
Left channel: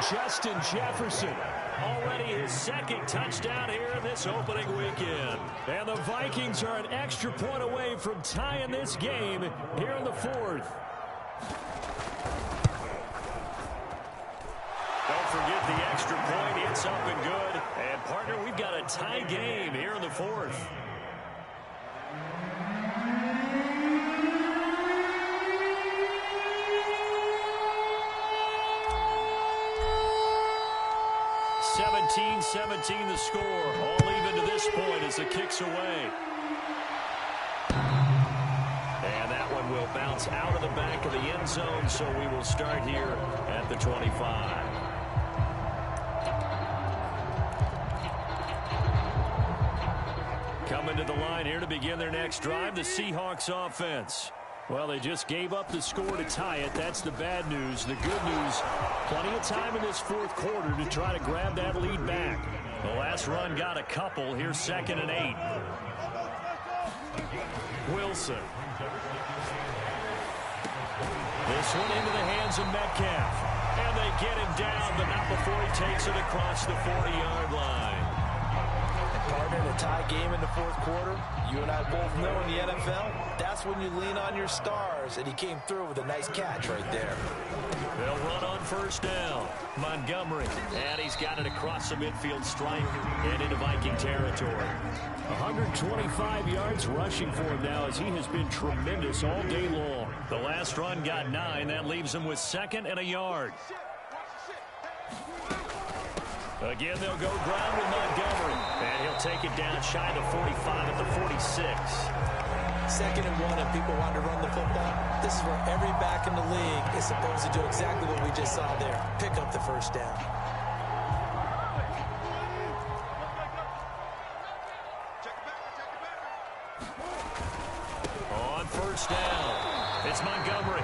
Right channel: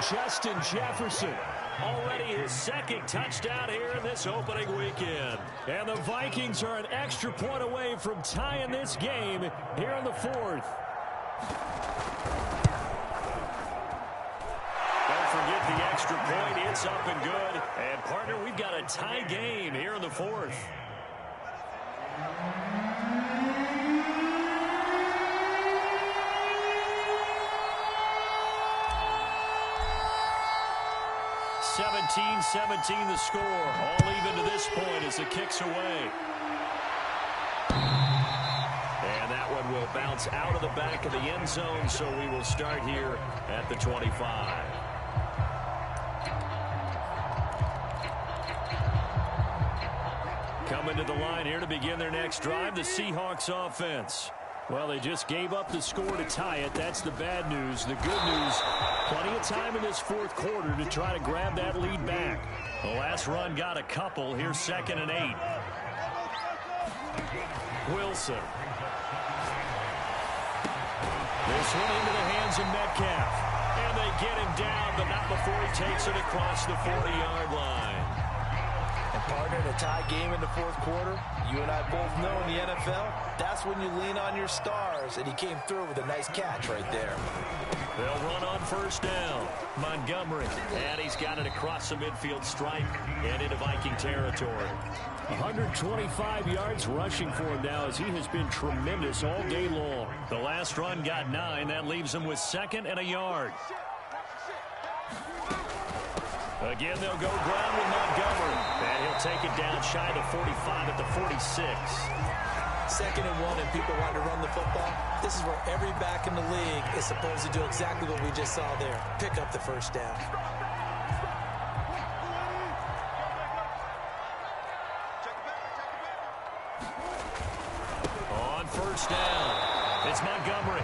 Justin Jefferson. Already his 2nd touchdown here in this opening weekend. And the Vikings are an extra point away from tying this game here in the 4th. Don't forget the extra point. It's up and good. And, partner, we've got a tie game here in the 4th. (17-17) the score. All even to this point as the kick's away. And that one will bounce out of the back of the end zone, so we will start here at the 25. Coming to the line here to begin their next drive, the Seahawks offense. Well, they just gave up the score to tie it. That's the bad news. The good news, plenty of time in this 4th quarter to try to grab that lead back. The last run got a couple. Here's 2nd and 8. Wilson. This one into the hands of Metcalf. And they get him down, but not before he takes it across the 40-yard line. And partner, in a tie game in the 4th quarter, you and I both know in the NFL, that's when you lean on your stars, and he came through with a nice catch right there. They'll run on 1st down. Montgomery, and he's got it across the midfield stripe and into Viking territory. 125 yards rushing for him now as he has been tremendous all day long. The last run got 9. That leaves him with 2nd and a yard. Again, they'll go ground with Montgomery. And he'll take it down shy of the 45 at the 46. 2nd and 1, and people want to run the football. This is where every back in the league is supposed to do exactly what we just saw there. Pick up the 1st down. On 1st down, it's Montgomery.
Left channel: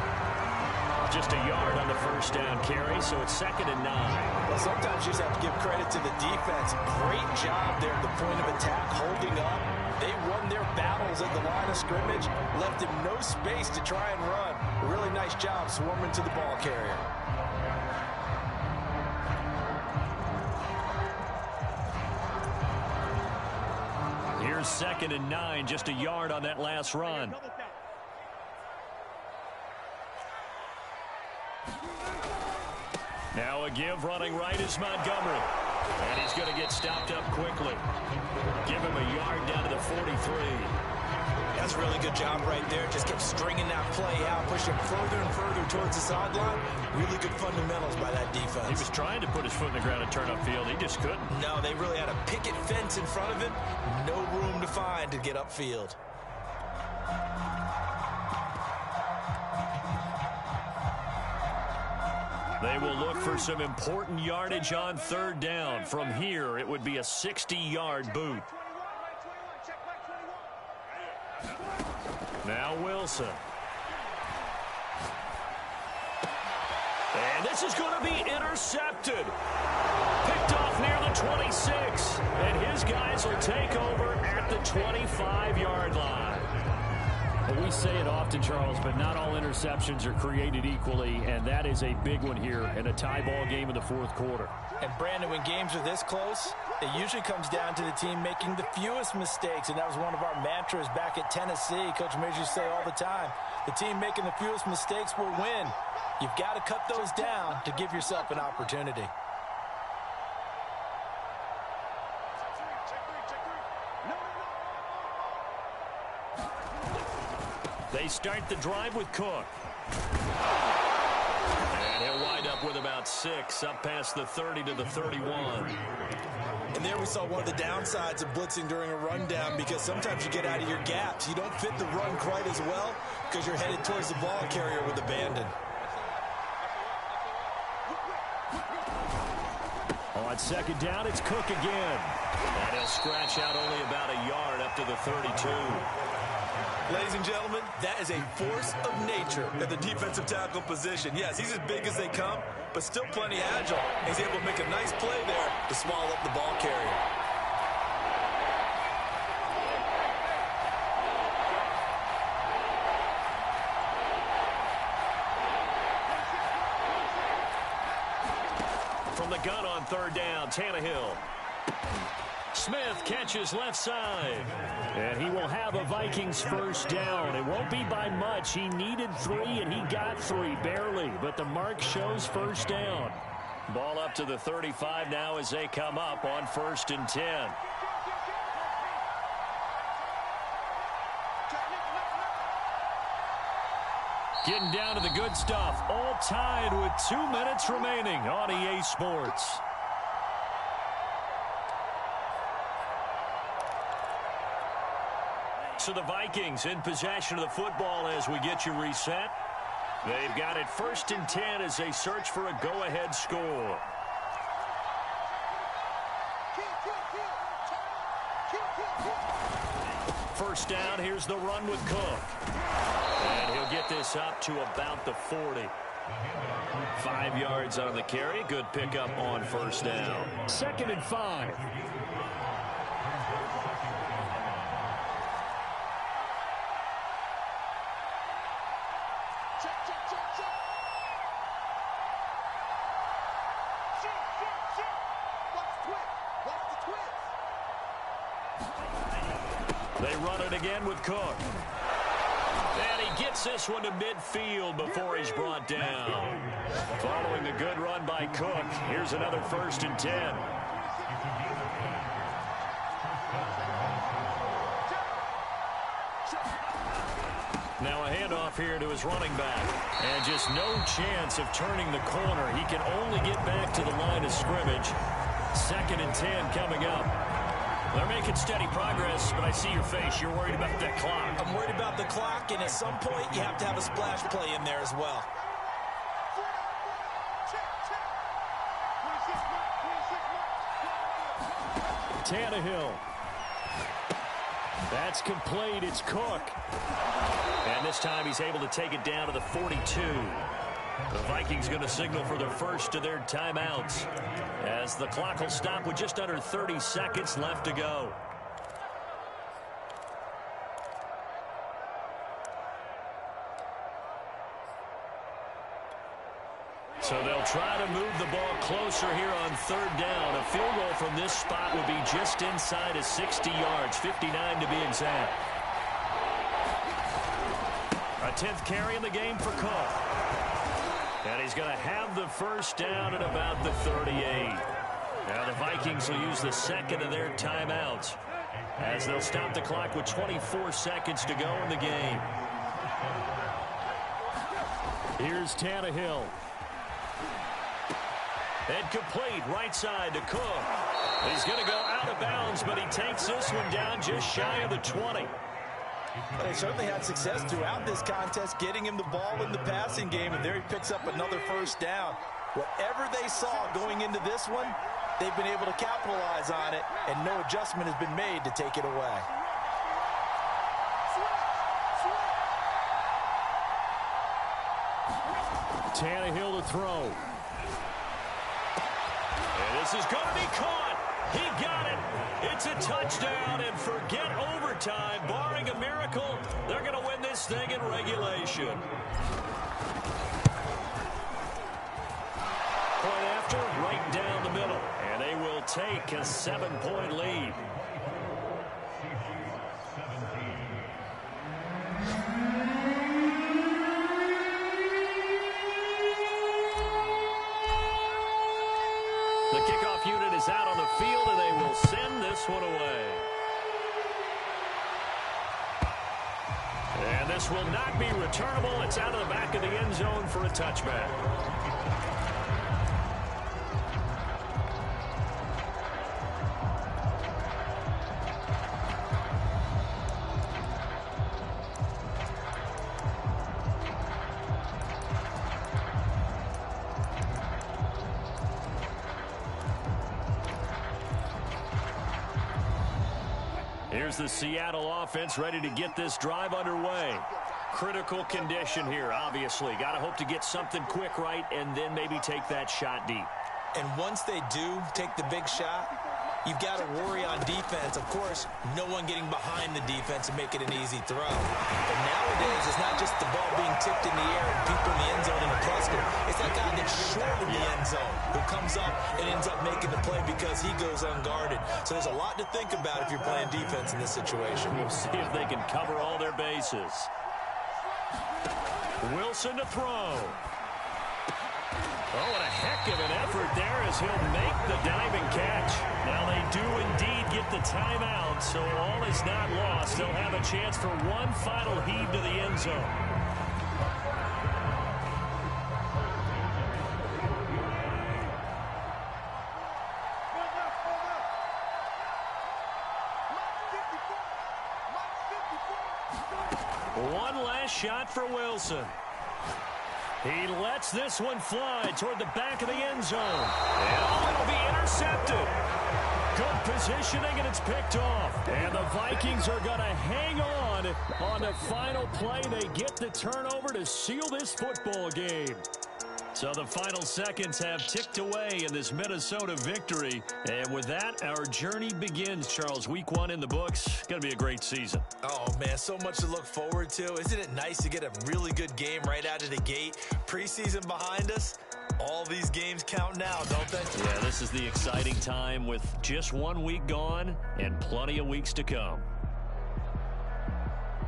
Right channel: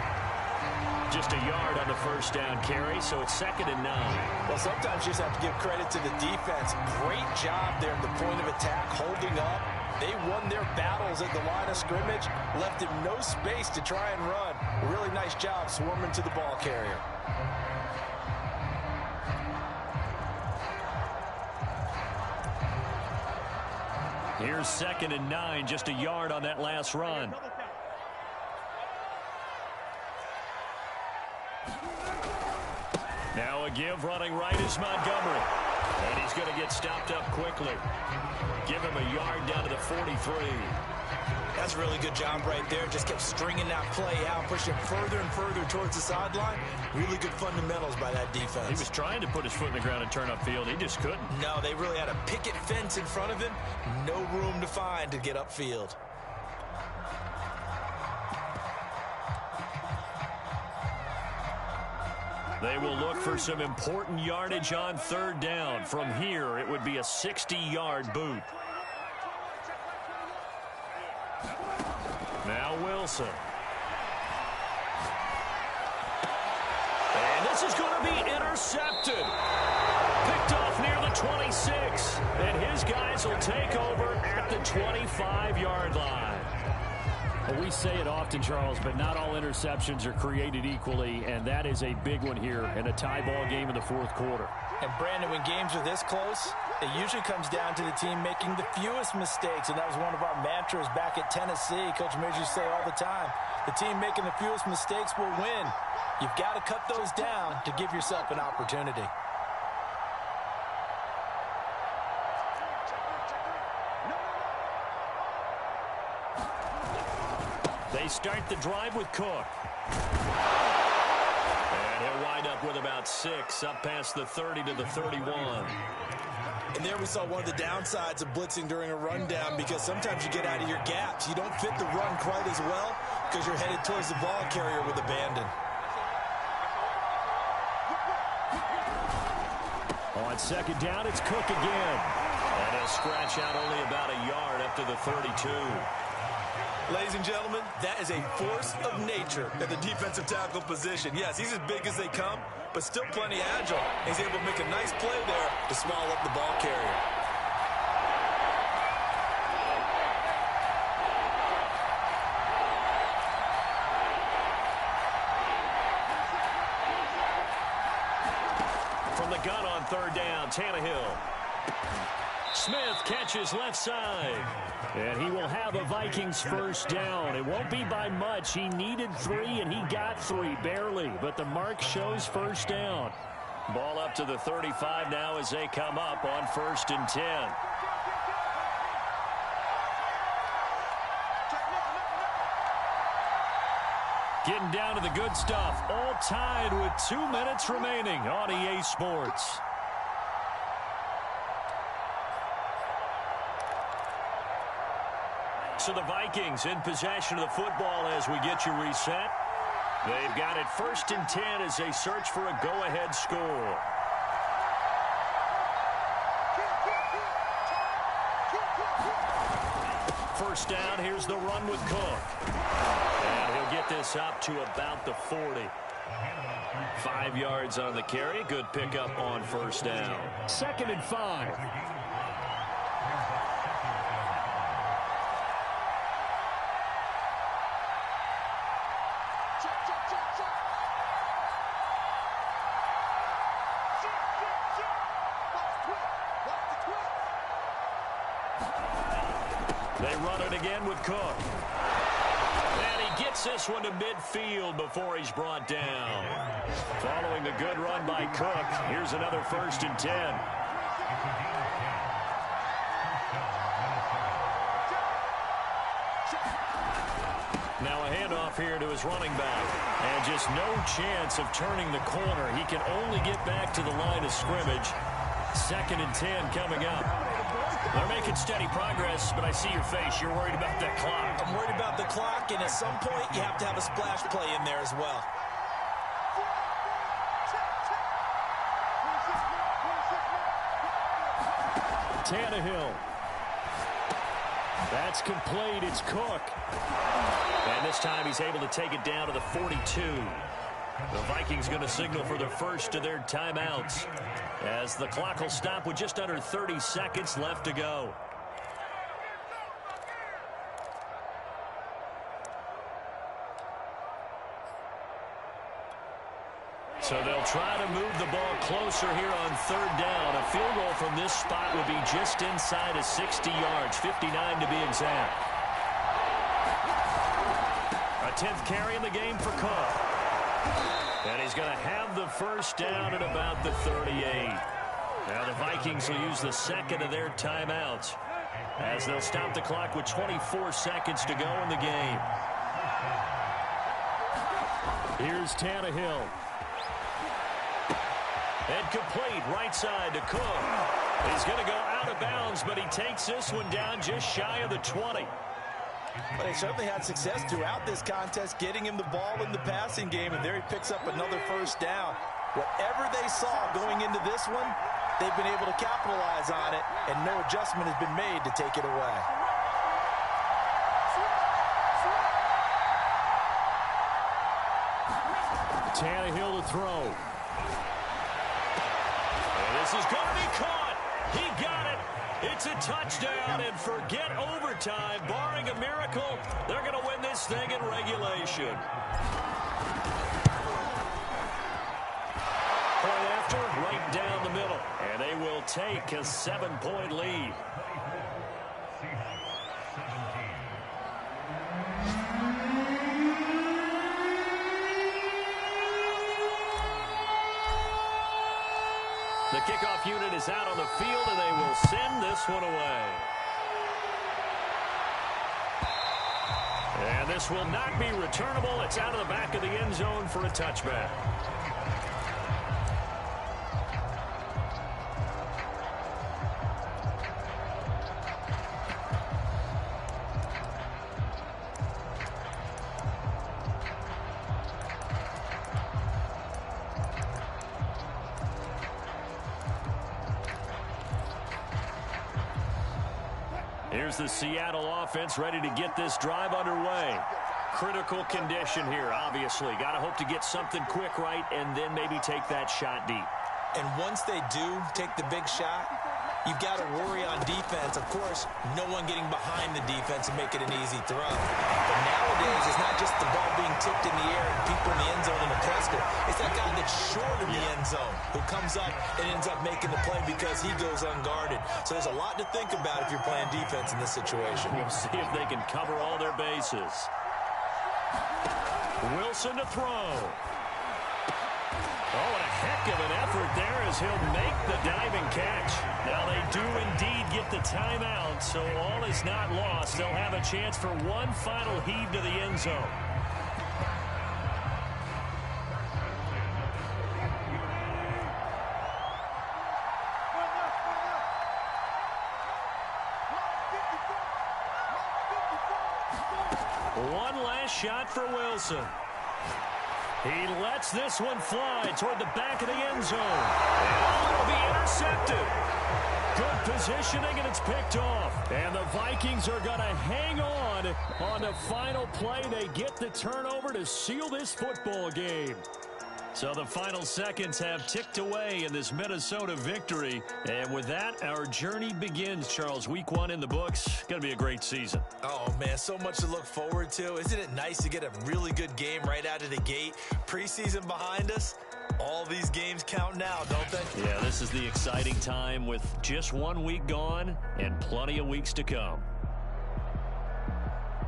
Just a yard on the 1st down carry, so it's 2nd and 9. Well, sometimes you just have to give credit to the defense. Great job there at the point of attack, holding up. They won their battles at the line of scrimmage, left him no space to try and run. Really nice job swarming to the ball carrier. Here's 2nd and 9, just a yard on that last run. Now a give running right is Montgomery. And he's going to get stopped up quickly. Give him a yard down to the 43. That's a really good job right there. Just kept stringing that play out, pushing further and further towards the sideline. Really good fundamentals by that defense. He was trying to put his foot in the ground and turn upfield. He just couldn't. No, they really had a picket fence in front of him. No room to find to get upfield. They will look for some important yardage on third down. From here, it would be a 60-yard boot. Now Wilson. And this is going to be intercepted. Picked off near the 26. And his guys will take over at the 25-yard line. Well, we say it often, Charles, but not all interceptions are created equally, and that is a big one here in a tie ball game in the fourth quarter. And, Brandon, when games are this close, it usually comes down to the team making the fewest mistakes, and that was one of our mantras back at Tennessee. Coach Mears used to say all the time, the team making the fewest mistakes will win. You've got to cut those down to give yourself an opportunity. They start the drive with Cook. And he'll wind up with about 6, up past the 30 to the 31. And there we saw one of the downsides of blitzing during a rundown, because sometimes you get out of your gaps. You don't fit the run quite as well because you're headed towards the ball carrier with abandon. On second down, it's Cook again. And he'll scratch out only about a yard up to the 32. Ladies and gentlemen, that is a force of nature at the defensive tackle position. Yes, he's as big as they come, but still plenty agile. He's able to make a nice play there to swallow up the ball carrier. From the gun on third down, Tannehill. Smith catches left side. And he will have a Vikings first down. It won't be by much. He needed 3, and he got 3, barely. But the mark shows first down. Ball up to the 35 now as they come up on 1st and 10. Getting down to the good stuff. All tied with 2 minutes remaining on EA Sports. So the Vikings in possession of the football as we get you reset. They've got it 1st and 10 as they search for a go-ahead score. First down, here's the run with Cook. And he'll get this up to about the 40. 5 yards on the carry. Good pickup on first down. 2nd and 5. They run it again with Cook. And he gets this one to midfield before he's brought down. Following a good run by Cook, here's another 1st and 10. Now a handoff here to his running back. And just no chance of turning the corner. He can only get back to the line of scrimmage. 2nd and 10 coming up. They're making steady progress, but I see your face. You're worried about that clock. I'm worried about the clock, and at some point you have to have a splash play in there as well. Tannehill. That's complete. It's Cook. And this time he's able to take it down to the 42. The Vikings going to signal for the first of their timeouts as the clock will stop with just under 30 seconds left to go. So they'll try to move the ball closer here on third down. A field goal from this spot would be just inside of 60 yards, 59 to be exact. A 10th carry in the game for Cook. And he's going to have the first down at about the 38. Now the Vikings will use the second of their timeouts as they'll stop the clock with 24 seconds to go in the game. Here's Tannehill. And complete right side to Cook. He's going to go out of bounds, but he takes this one down just shy of the 20. But he certainly had success throughout this contest, getting him the ball in the passing game, and there he picks up another first down. Whatever they saw going into this one, they've been able to capitalize on it, and no adjustment has been made to take it away. Tannehill to throw. And this is going to be caught. He got it. It's a touchdown, and forget overtime. Barring a miracle, they're going to win this thing in regulation. Point after, right down the middle. And they will take a 7-point lead. The kickoff unit is out on the field, and they will send this one away. And this will not be returnable. It's out of the back of the end zone for a touchback. Here's the Seattle offense ready to get this drive underway. Critical condition here, obviously. Got to hope to get something quick right and then maybe take that shot deep. And once they do take the big shot, you've got to worry on defense. Of course, no one getting behind the defense and make it an easy throw. But nowadays, it's not just the ball being tipped in the air and people in the end zone in a cluster. It's that guy that's short of the end zone who comes up and ends up making the play because he goes unguarded. So there's a lot to think about if you're playing defense in this situation. We'll see if they can cover all their bases. Wilson to throw. Oh, what a heck of an effort there as he'll make the diving catch. Now they do indeed get the timeout, so all is not lost. They'll have a chance for one final heave to the end zone. One last shot for Wilson. He lets this one fly toward the back of the end zone. And oh, it'll be intercepted. Good positioning, and it's picked off. And the Vikings are going to hang on the final play. They get the turnover to seal this football game. So the final seconds have ticked away in this Minnesota victory. And with that, our journey begins, Charles. Week 1 in the books. Going to be a great season. Oh, man, so much to look forward to. Isn't it nice to get a really good game right out of the gate? Preseason behind us. All these games count now, don't they? Yeah, this is the exciting time with just 1 week gone and plenty of weeks to come.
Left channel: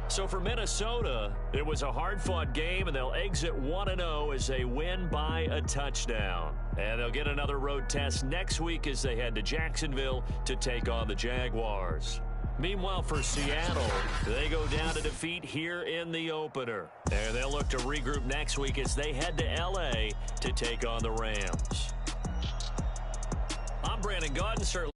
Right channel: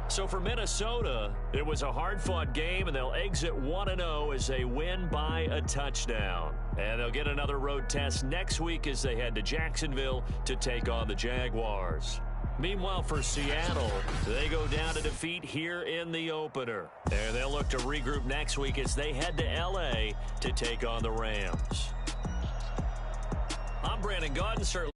So for Minnesota, it was a hard-fought game, and they'll exit 1-0 as they win by a touchdown. And they'll get another road test next week as they head to Jacksonville to take on the Jaguars. Meanwhile, for Seattle, they go down to defeat here in the opener. And they'll look to regroup next week as they head to L.A. to take on the Rams. I'm Brandon Gaudin, sir.